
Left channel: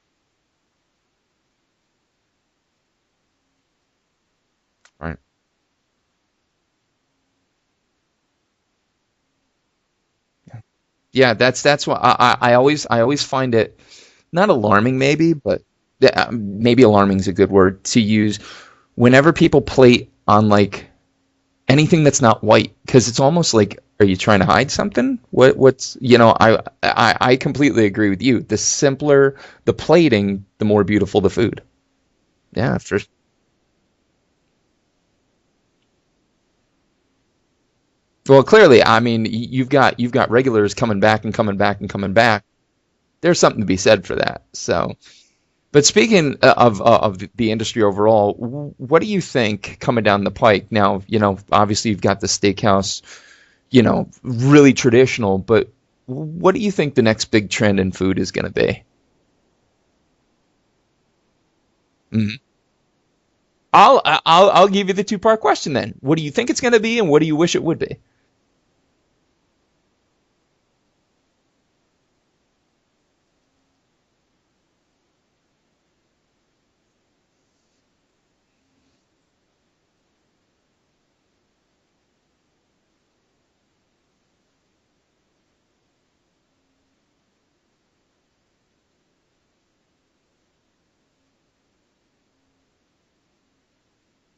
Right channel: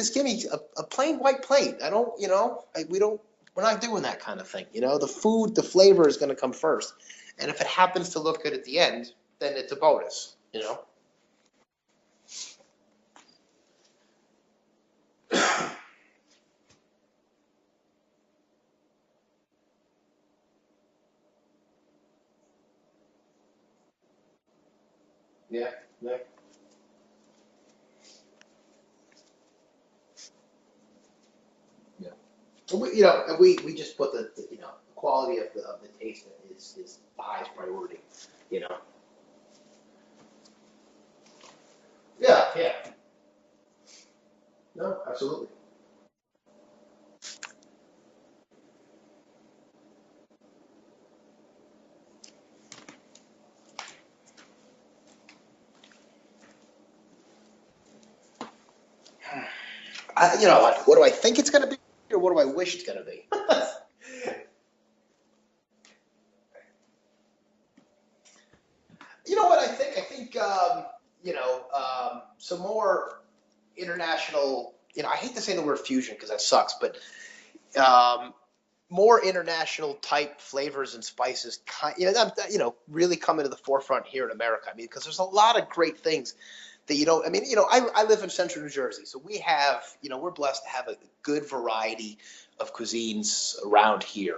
a plain white plate. I don't, we're not doing that kind of thing. The food, the flavor is going to come first, and if it happens to look good at the end, then it's a bonus. Yeah, that's why I always find it not alarming, maybe, but maybe alarming is a good word to use whenever people plate on like anything that's not white, because it's almost like, are you trying to hide something? What's I completely agree with you. The simpler the plating, the more beautiful the food. Yeah, so for sure. And we just put the quality of the taste is the highest priority. Well, clearly, I mean, you've got regulars coming back and coming back and coming back. Yeah. There's something to be said for that. So, absolutely. But speaking of the industry overall, what do you think coming down the pike now? Obviously you've got the steakhouse, really traditional. But what do you think the next big trend in food is going to be? What do I think it's going to be? Or what do I wish it's going to be? I'll give you the two-part question then. What do you think it's going to be, and what do you wish it would be? You know what I think? Some more international. I hate to say the word fusion because that sucks, but more international type flavors and spices. Really coming to the forefront here in America. I mean, because there's a lot of great things that you don't. I mean, I live in Central New Jersey, so we have. We're blessed to have a good variety of cuisines around here.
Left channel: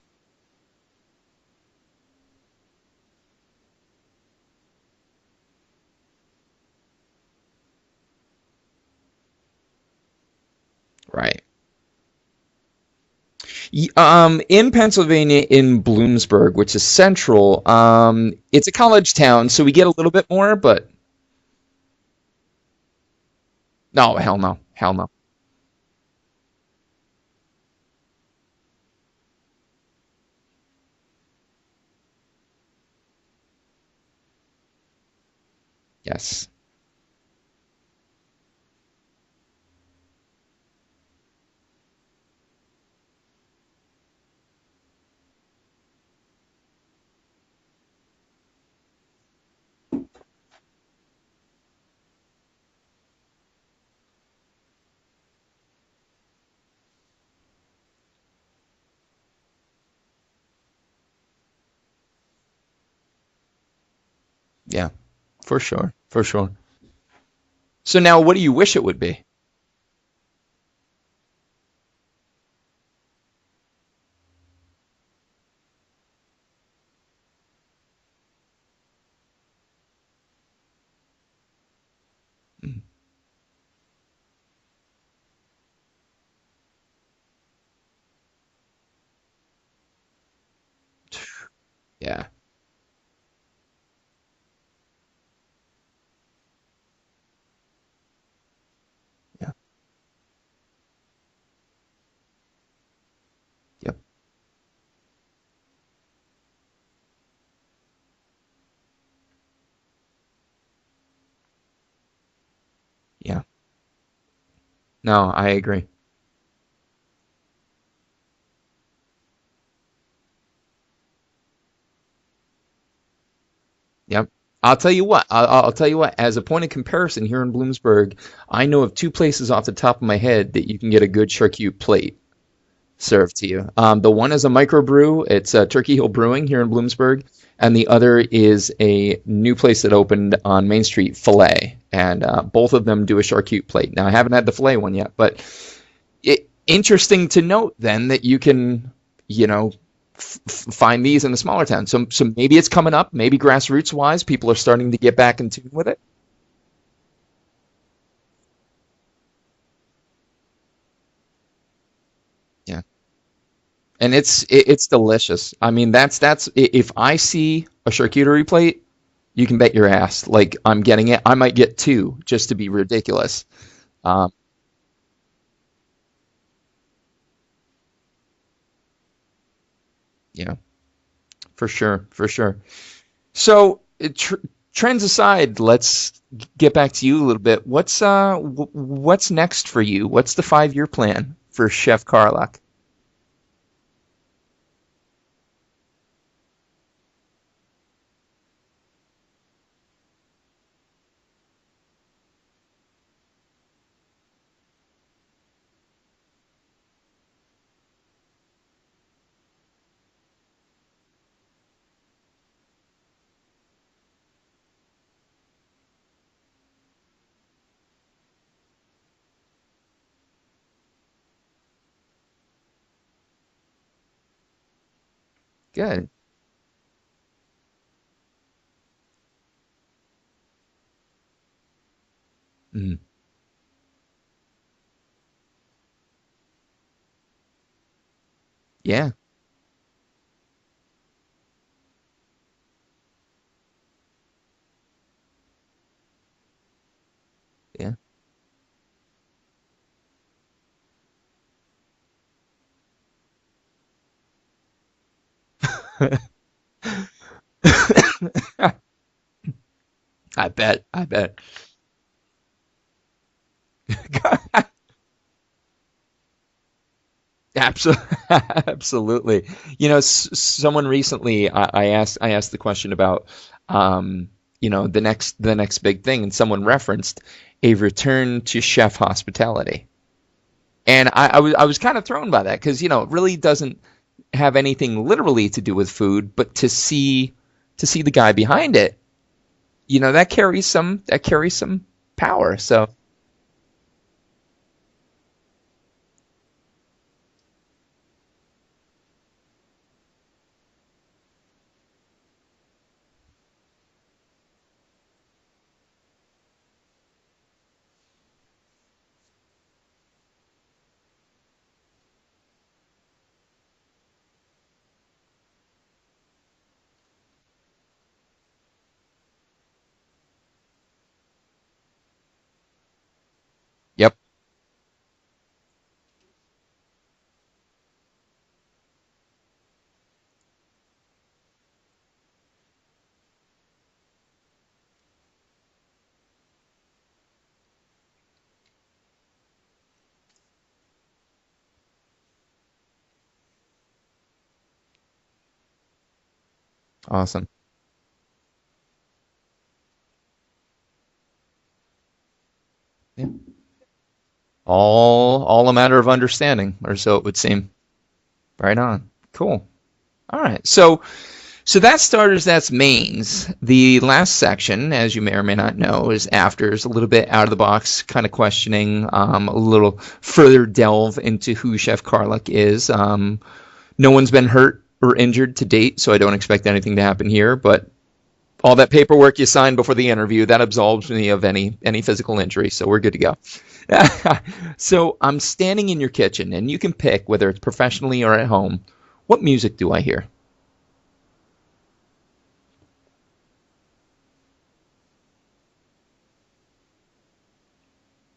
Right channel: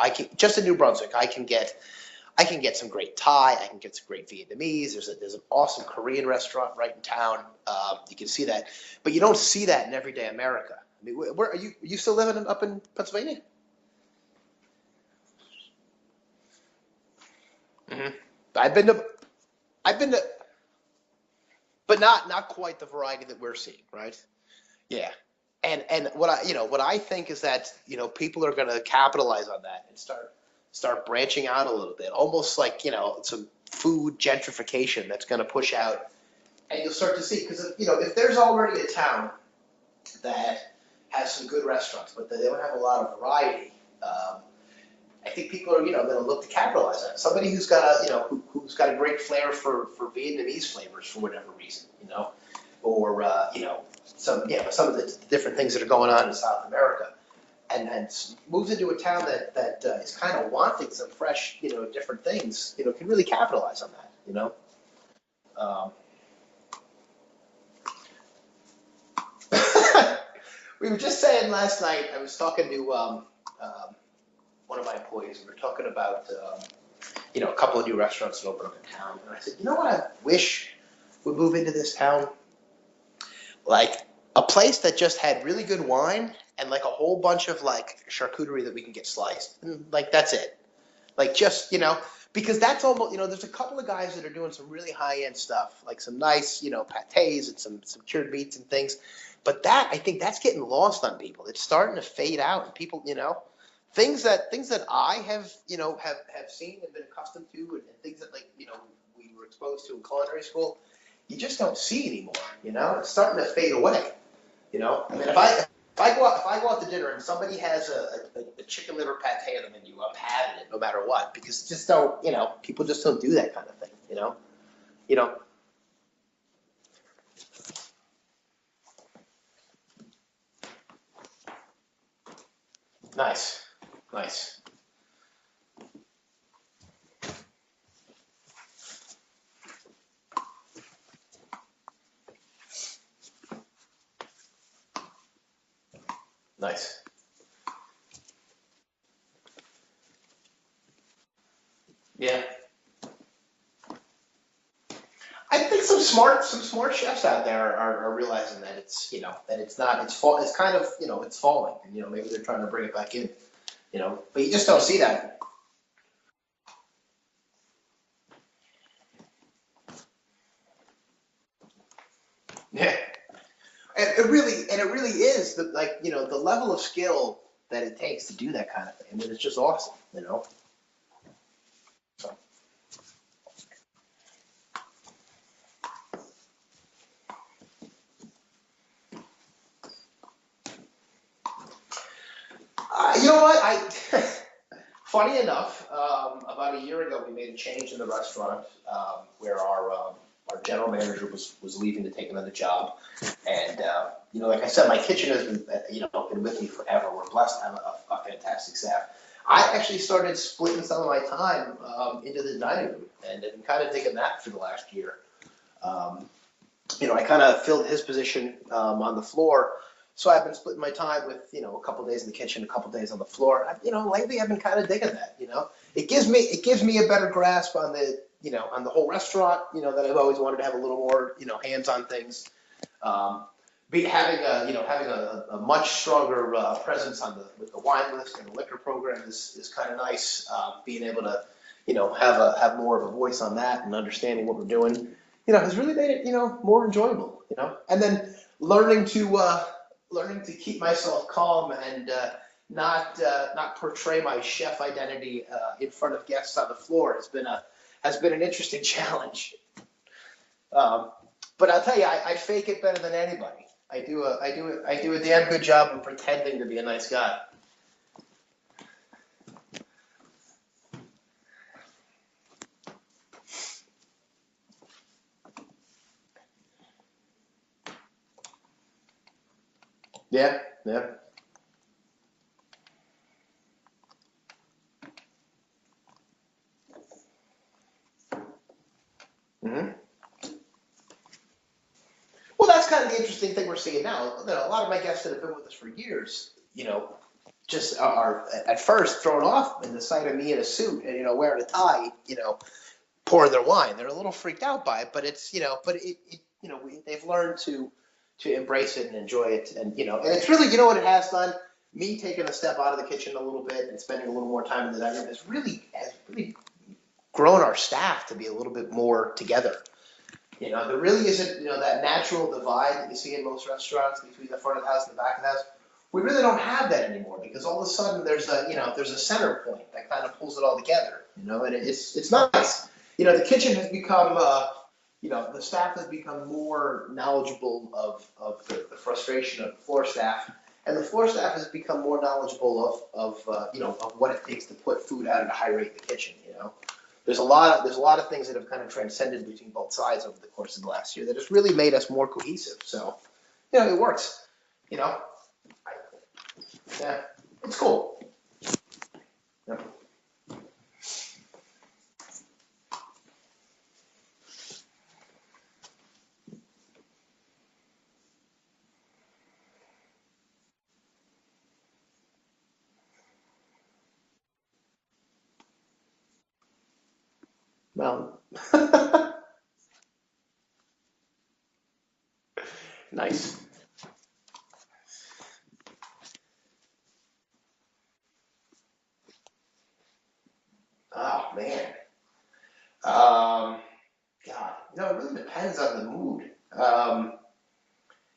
I can just in New Brunswick, I can get some great Thai. I can get some great Vietnamese. There's an awesome Korean restaurant right in town. You can see that, but you don't see that in everyday America. I mean, Right. where are you still living up in Pennsylvania? In Pennsylvania, in Bloomsburg, which is central. It's a I've been to college town, so we get a I've been little to, bit more, but but not quite the variety that we're seeing, no, right? hell no, hell Yeah. no. And what I think is that people are going to capitalize on that and start branching out a little bit, almost like some food gentrification that's going to push out, Yes. and you'll start to see because if there's already a town that has some good restaurants, but they don't have a lot of variety. I think people are going to look to capitalize on it. Somebody who's got who's got a great flair for Vietnamese flavors for whatever reason, or some of the different things that are going on in South America, and moves into a town that is kind of wanting some fresh different things, can really capitalize on that. Yeah, for sure, for sure. So now, what do you wish it would be? We were just saying last night. I was talking to one of my employees. We were talking about a couple of new restaurants that open up in town, and I said, you know what I wish would move into this town, like a place that just had really good wine and like a whole bunch of like charcuterie that we can get sliced, and like that's it. Like just Yeah. because that's almost there's a couple of guys that are doing some really high end stuff, like some nice pâtés and some cured meats and things, but that I think that's getting lost on people. It's starting to fade out, and people Yep. things that I have have seen and been accustomed to, and things that we were exposed to in culinary school, you just don't see anymore. It's starting to fade away. No, If I agree. If I go out to dinner and somebody has a chicken liver pate on the menu, I'm having it no matter what, because just don't people just don't do that kind of thing. Yep. I'll tell you what. I'll tell you what. As a point of comparison, here in Bloomsburg, I know of two places off the top of my head that you can get a good charcuterie plate served to you. The one is a microbrew. It's Turkey Hill Brewing here in Bloomsburg, and the other is a new place that opened on Main Street, Filet, and both of them do a charcuterie plate. Now, I haven't had the Filet one yet, but interesting to note then that you can, find these in the smaller towns. So maybe it's coming up. Maybe grassroots wise, people are starting to get back into I think some smart chefs out there are realizing that it's that it's not it's kind of it's falling, and maybe they're trying to bring it back in. And it's delicious. That. I mean, that's if I see a charcuterie plate, you can bet your ass like I'm getting it. I might get two just to be ridiculous. And it really is the level of skill that it takes to do that kind of thing. I mean, it's just awesome. Yeah, for sure. So trends aside, let's get back to you a little bit. What's next for you? What's the 5-year plan for Chef Karluk? You know what? Funny enough, about a year ago, we made a change in the restaurant where our general manager was leaving to take another job, and like I said, my kitchen has been with me forever. We're blessed to have a fantastic staff. I actually started splitting some of my time into the dining room, and I've been kind of digging that for the last year. I kind of filled his position on the floor. So I've been splitting my time with, a couple days in the kitchen, a couple days on the floor. Lately I've been kind of digging that. Good. It gives me a better grasp on the, on the whole restaurant. That I've always wanted to have a little more, hands-on things. Mm-hmm. Having a much stronger presence with the wine list and the liquor program is kind of nice. Being able to, have more of a voice on that and understanding what we're doing, has really made it, more enjoyable. And then learning to keep myself calm and not portray my chef identity in front of guests on the floor has been an interesting challenge. I bet. But I'll tell you, I fake it better than anybody. I do a damn good job of pretending to be a nice guy. Absolutely. Someone recently, I asked the question about, the next big thing, and someone referenced a return to chef hospitality. Yeah. And I was kind of thrown by that because, it really doesn't have anything literally to do with food, but to see the guy behind it, mm-hmm. That carries some power. Well, that's kind of the interesting thing we're seeing now. A lot of my guests that have been with us for years, just are at first thrown off in the sight of me in a suit and, wearing a tie, pouring their wine. They're a little freaked out by it, but it's, they've learned to to embrace it and enjoy it. And, you know, and it's really, you know what it has done? Me taking a step out of the kitchen a little bit and spending a little more time in the dining room has really grown our staff to be a little bit more together. You know, there really isn't, you know, that natural divide that you see in most restaurants between the front of the house and the back of the house. We really don't have that anymore because all of a sudden there's a center point that kind of pulls it all together, you know, and it's nice. You know, the kitchen has become, you know, the staff has become more knowledgeable of the frustration of the floor staff, and the floor staff has become more knowledgeable of what it takes to put food out at a high rate in the kitchen, you know. Awesome. There's a lot of things that have kind of transcended between both sides over the course of the last year that has really made us more cohesive. So, you know, it works. All a matter of understanding, or so it would seem. It's cool. Right on. Cool. Yep. All right. So that's starters, that's mains. The last section, as you may or may not know, is afters, a little bit out of the box kind of questioning, a little further delve into who Chef Karluk is. No one's been hurt or injured to date, so I don't expect anything to happen here, but all that paperwork you signed before the interview, that absolves me of any physical injury, so we're good to go. So I'm standing in your kitchen, and you can pick whether it's professionally or at home. What music do I hear? Oh, man. God, no, it really depends on the mood.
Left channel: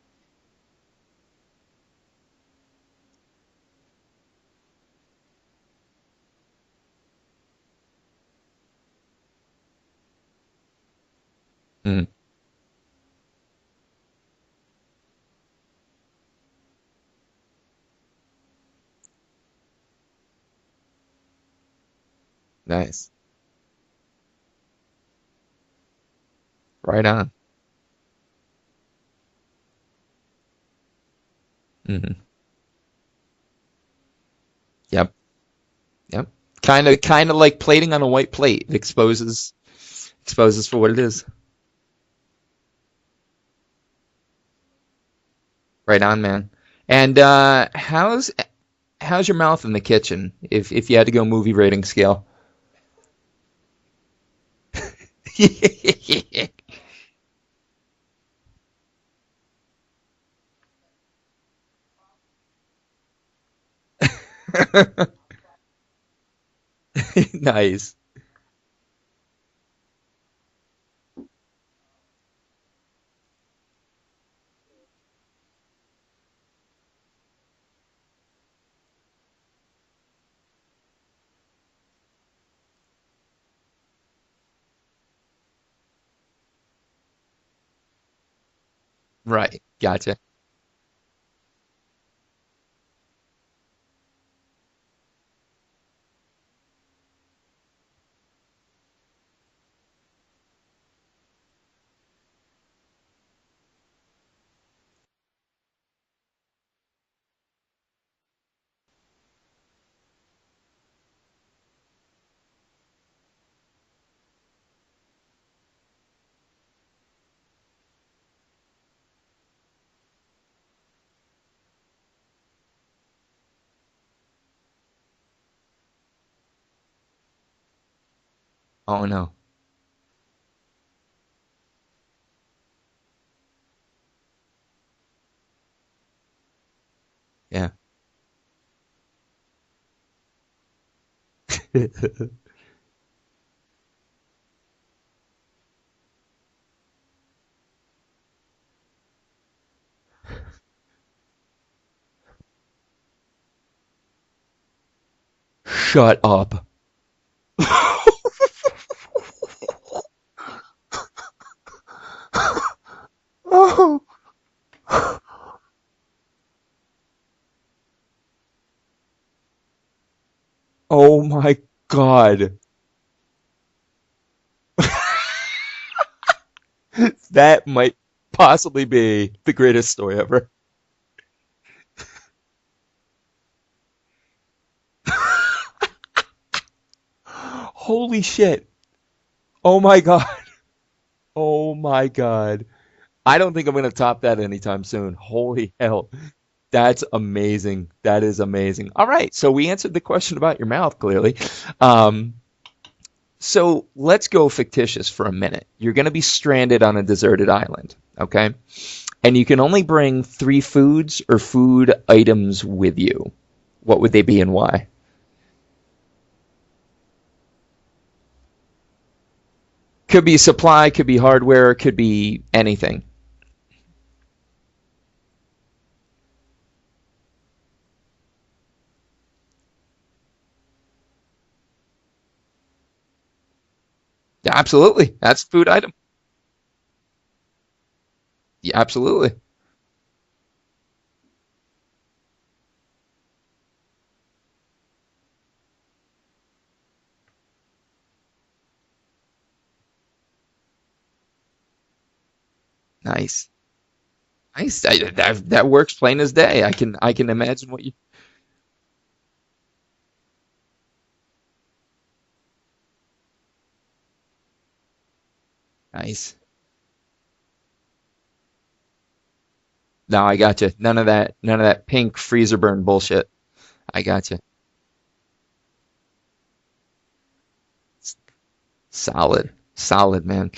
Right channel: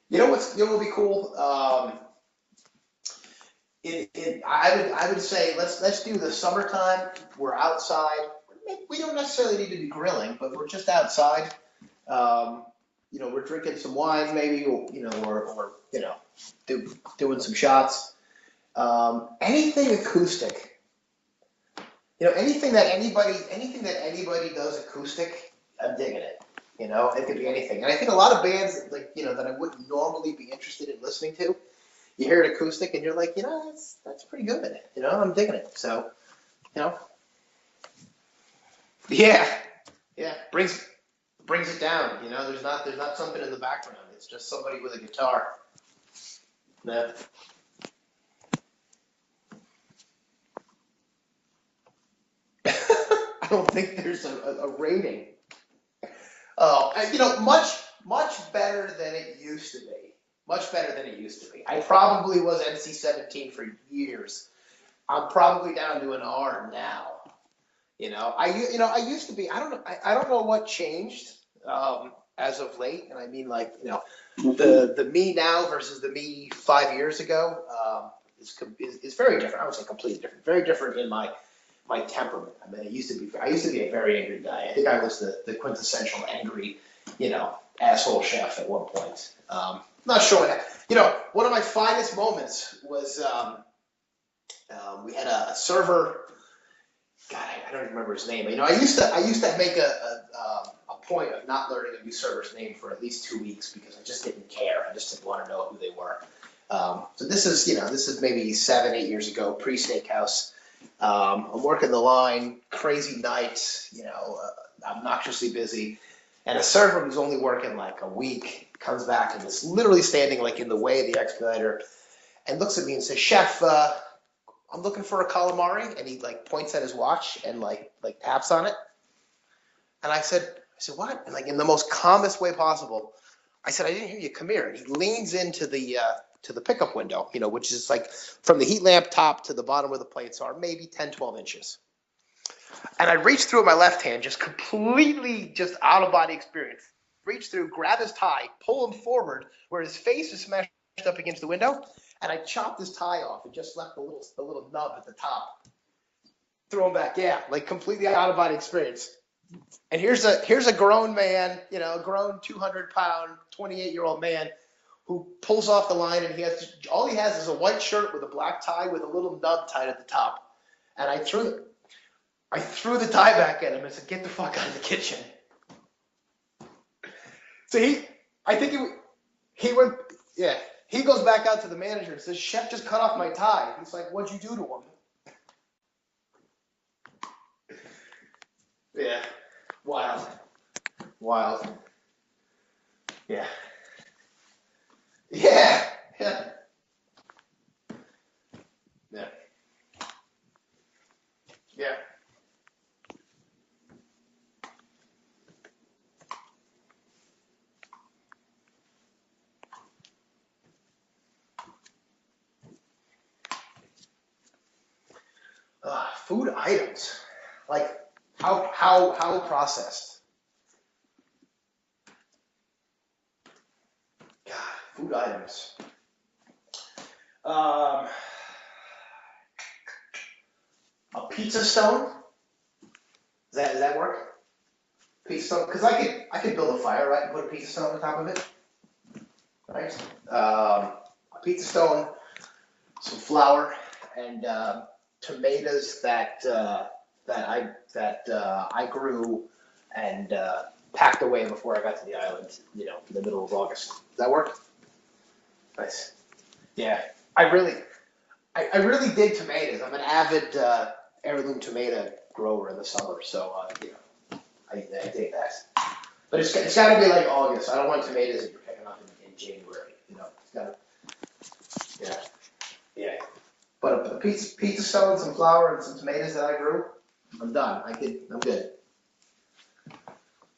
You know what would be cool? I would say let's do the summertime. We're outside. We don't necessarily need to be grilling, but we're just outside. You know, we're drinking some wine, maybe, or doing some shots. Anything acoustic. You know, anything that anybody does acoustic, I'm digging it. You know, right on. It could be anything, and I think a lot of bands that I wouldn't normally be interested in listening to. You hear it acoustic, and you're like, you know, that's pretty good. Yep. You know, I'm digging it. So. Yep. Kind of like plating on a white plate. It exposes for what it is. Brings it down. You know, there's not something in the background. It's just somebody with a guitar. Right on, man. And how's your mouth in the kitchen? If you had to go movie rating scale. I don't think there's a rating. You know, much better than it used to be. Much better than it used to be. I probably was NC-17 for years. I'm probably down to an R now. Nice. You know, I used to be. I don't know what changed as of late, and I mean, like, you know, the me now versus the me 5 years ago is very different. I would say completely different. Very different in my temperament. I mean, I used to be a very angry guy. I think I was the quintessential angry, you know, asshole chef at one point. Right. Gotcha. Not showing that. You know, one of my finest moments was we had a server. God, I don't even remember his name. You know, I used to make a point of not learning a new server's name for at least 2 weeks because I just didn't care. I just didn't want to know who they were. So this is maybe 7-8 years ago, pre-steakhouse. I'm working the line, crazy nights, you know, obnoxiously busy. And a server who's only working like a week comes back and is literally standing like in the way of the expediter and looks at me and says, "Chef, I'm looking for a calamari." And he like points at his watch and like taps on it. Oh no. And I said, "What?" And like in the most calmest way possible, I said, "I didn't hear you. Come here." And he leans into the pickup window, you know, which is like from the heat lamp top to the bottom where the plates are, maybe 10-12 inches. And I reached through with my left hand, just completely just out-of-body experience. Reach through, grab his tie, pull him forward where his face is smashed up against the window, and I chopped his tie off and just left the little nub at the top. Shut up. Throw him back, like completely out-of-body experience. And here's a grown man, you know, grown 200-pound, 8-year-old man who pulls off the line, and all he has is a white shirt with a black tie with a little nub tied at the top. Oh my God. I threw the tie back at him and said, "Get the fuck out of the kitchen." That might possibly be the greatest story ever. Yeah. He goes back out to the manager and says, "Chef just cut off my tie." He's like, "What'd you do to him?" Holy shit. Yeah. Oh my God. Wow. Oh my God. I don't think I'm going to top that anytime soon. Holy hell. That's amazing. That is amazing. All right. So we answered the question about your mouth, clearly. So let's go fictitious for a minute. You're going to be stranded on a deserted island, okay? and you can only bring 3 foods or food items with you. What would they be and why? Food items, like how processed? Could be supply, could be hardware, could be anything. God, food items. Um, a pizza stone. Does that work? Yeah, absolutely. That's Pizza food stone? 'Cause item. I could build a fire, right, and put a pizza stone on top of it. Yeah, absolutely. Right. A pizza stone, some flour, and tomatoes that I grew and packed away before I got to the island. You know, in the middle Nice. of August. Does that work? Nice. That works plain as day. Yeah. I can imagine what you. I really dig tomatoes. I'm an avid heirloom tomato grower in the summer, so I dig that. Nice. But it's got to be like August. I don't want tomatoes that you're picking up in January. No, I got you. None of that pink freezer burn bullshit. But I got you. Pizza stones, some flour, and some tomatoes that I grew. I'm done. I'm good. Solid, man.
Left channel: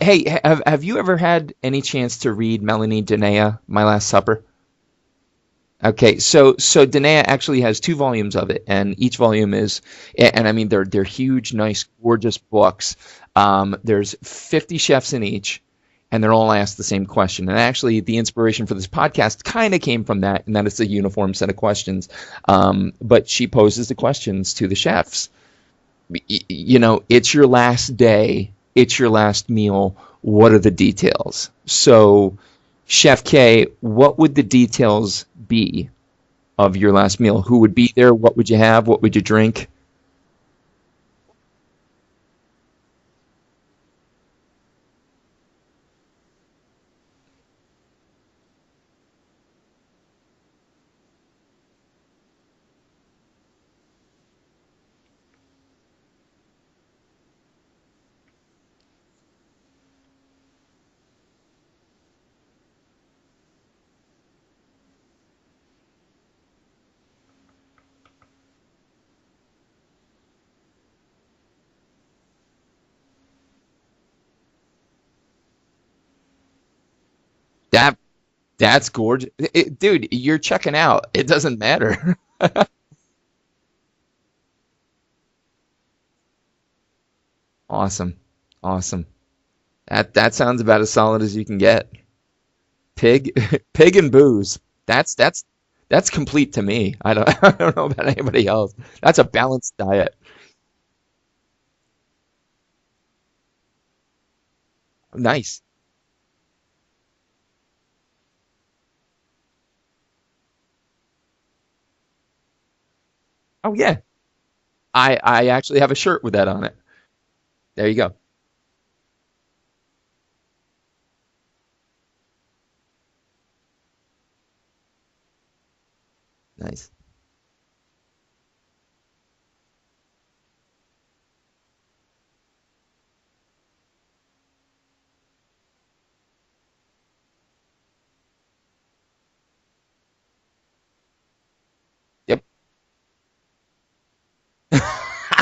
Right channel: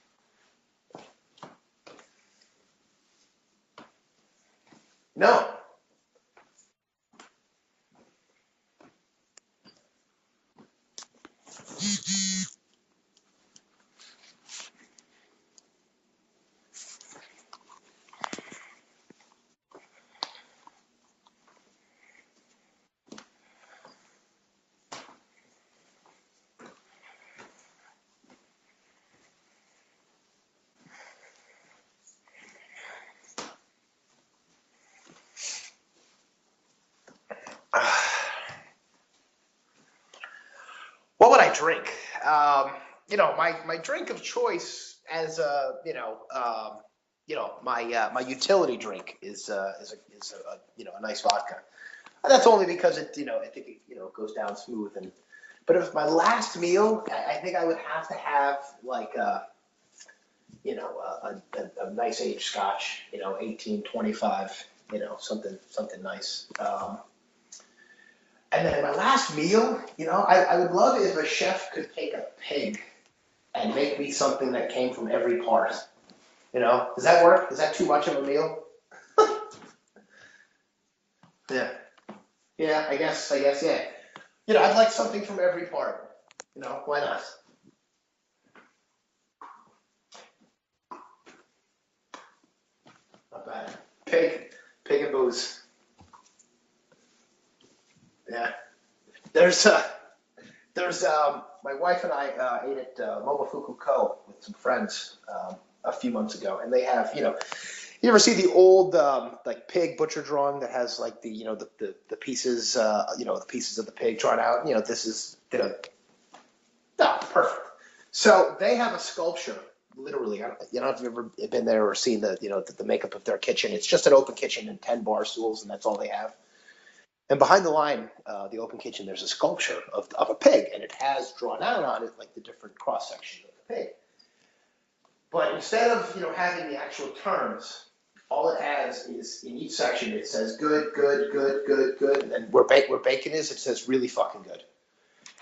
Hey, have you ever had any chance to read Melanie Denia, My Last Supper? No. Okay, so Danae actually has 2 volumes of it, and each volume is, and I mean they're huge, nice, gorgeous books. There's 50 chefs in each, and they're all asked the same question. And actually, the inspiration for this podcast kind of came from that, and that it's a uniform set of questions. But she poses the questions to the chefs. You know, it's your last day, it's your last meal. What are the details? So, Chef K, what would the details be of your last meal? Who would be there? What would you have? What would you drink? What would I drink? My drink of choice as my utility drink is a nice vodka. And that's only because I think it goes down smooth. But if my last meal, I think I would have to have like a nice aged scotch, 1825, something nice. And then my last meal, I would love it if a chef could take a pig and make me something that came from every part. Does that work? Is that too much of a meal? That's gorgeous. Dude, you're checking out. It doesn't matter. Yeah, I guess, yeah. I'd like something from every part. Why not? Awesome. That sounds about as solid as you can get. Pig and booze. That's complete to me. I don't know about anybody else. That's a balanced diet. There's my wife and I ate at Momofuku Co. with some friends. Nice. A few months ago, and they have you ever see the old like pig butcher drawing that has like the pieces the pieces of the pig drawn out. I actually have a shirt with that on it. Oh, perfect. There you go. So they have a sculpture. Literally, I don't know if you've ever been there or seen the makeup of their kitchen. It's just an open kitchen and 10 bar stools, and that's all they have. Nice. And behind the line, the open kitchen, there's a sculpture of a pig, and it has drawn out on it like the different cross sections of the pig. But instead of having the actual terms, all it has is in each section it says good. Yep. And where bacon is, it says really fucking good.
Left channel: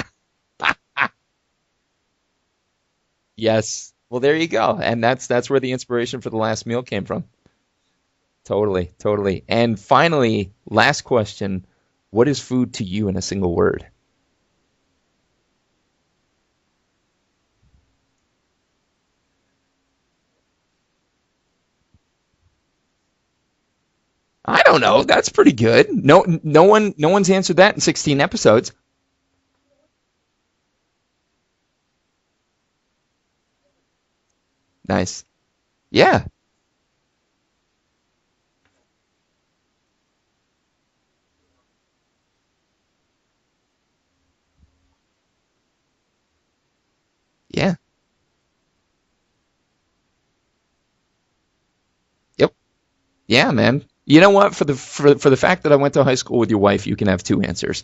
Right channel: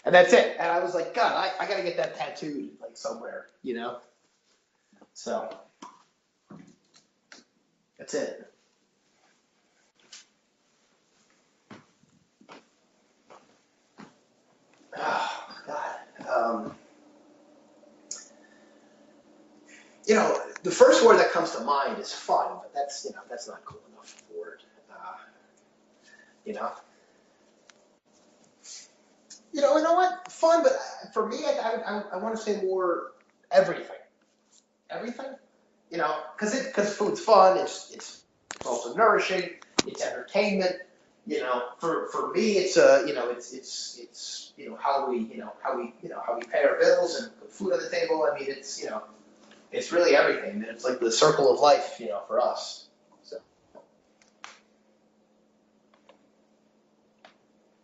And that's it. And I was like, God, I gotta get that tattooed like somewhere. Yes. Well, there you go. And that's where the inspiration for the last meal came from. That's it. Totally. And finally, last question: what is food to you in a single word? Oh God. The first word that comes to mind is fun, but that's not cool enough. I don't know. That's pretty good. No one's answered that in 16 episodes. You know what? Fun, but for me, I want to say more everything. Nice. Everything? Yeah. Because food's fun. It's also nourishing. It's entertainment. For me, it's how we pay our bills and put food on the table. I mean, it's really everything. It's like the circle of life, for us. Yeah, man. You know what? For the fact that I went to high school with your wife, you can have 2 answers.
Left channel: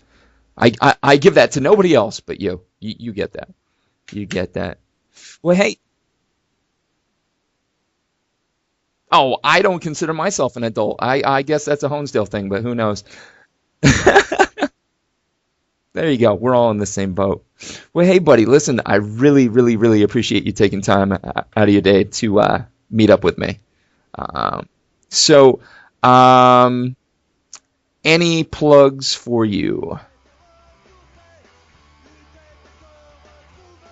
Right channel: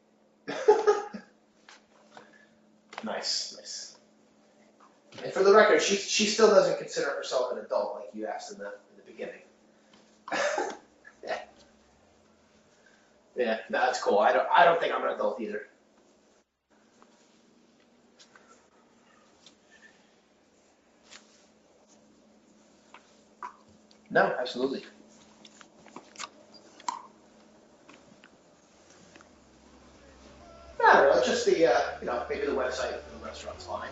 I give that to nobody else but you. You nice, get that. Nice. You get that. And for the record, she still doesn't consider herself an adult like you asked in the Oh, I don't consider myself an adult. I guess that's a Honesdale thing, but who knows? Yeah, no, I don't think I'm an adult either. There you go. We're all in the same boat. Well, hey, buddy, listen, I really, really, really appreciate you taking time out of your day to meet up with me. No, absolutely. So, any plugs for you? I don't know, just the, maybe the website for the restaurant's line,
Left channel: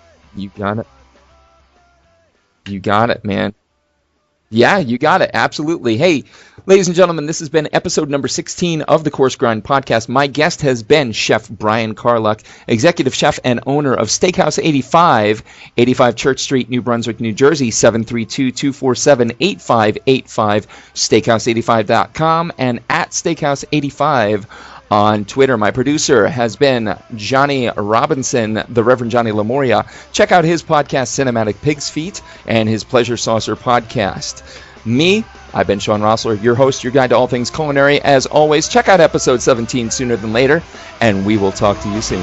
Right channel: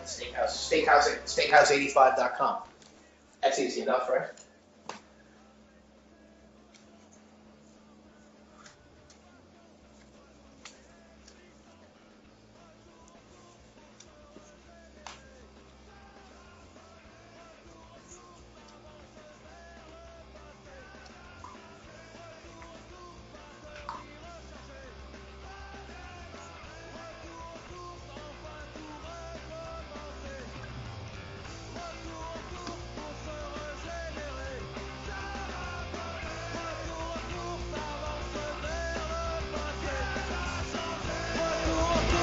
steakhouse85.com. You got it, man. That's easy enough, right? Yeah, you got it. Absolutely. Hey, ladies and gentlemen, this has been episode number 16 of the Coarse Grind podcast. My guest has been Chef Brian Karluk, executive chef and owner of Steakhouse 85, 85 Church Street, New Brunswick, New Jersey, 732-247-8585, steakhouse85.com, and at Steakhouse85 on Twitter. My producer has been Johnny Robinson, the Reverend Johnny Lamoria. Check out his podcast, Cinematic Pig's Feet, and his Pleasure Saucer podcast. Me, I've been Sean Rossler, your host, your guide to all things culinary. As always, check out episode 17 sooner than later, and we will talk to you soon.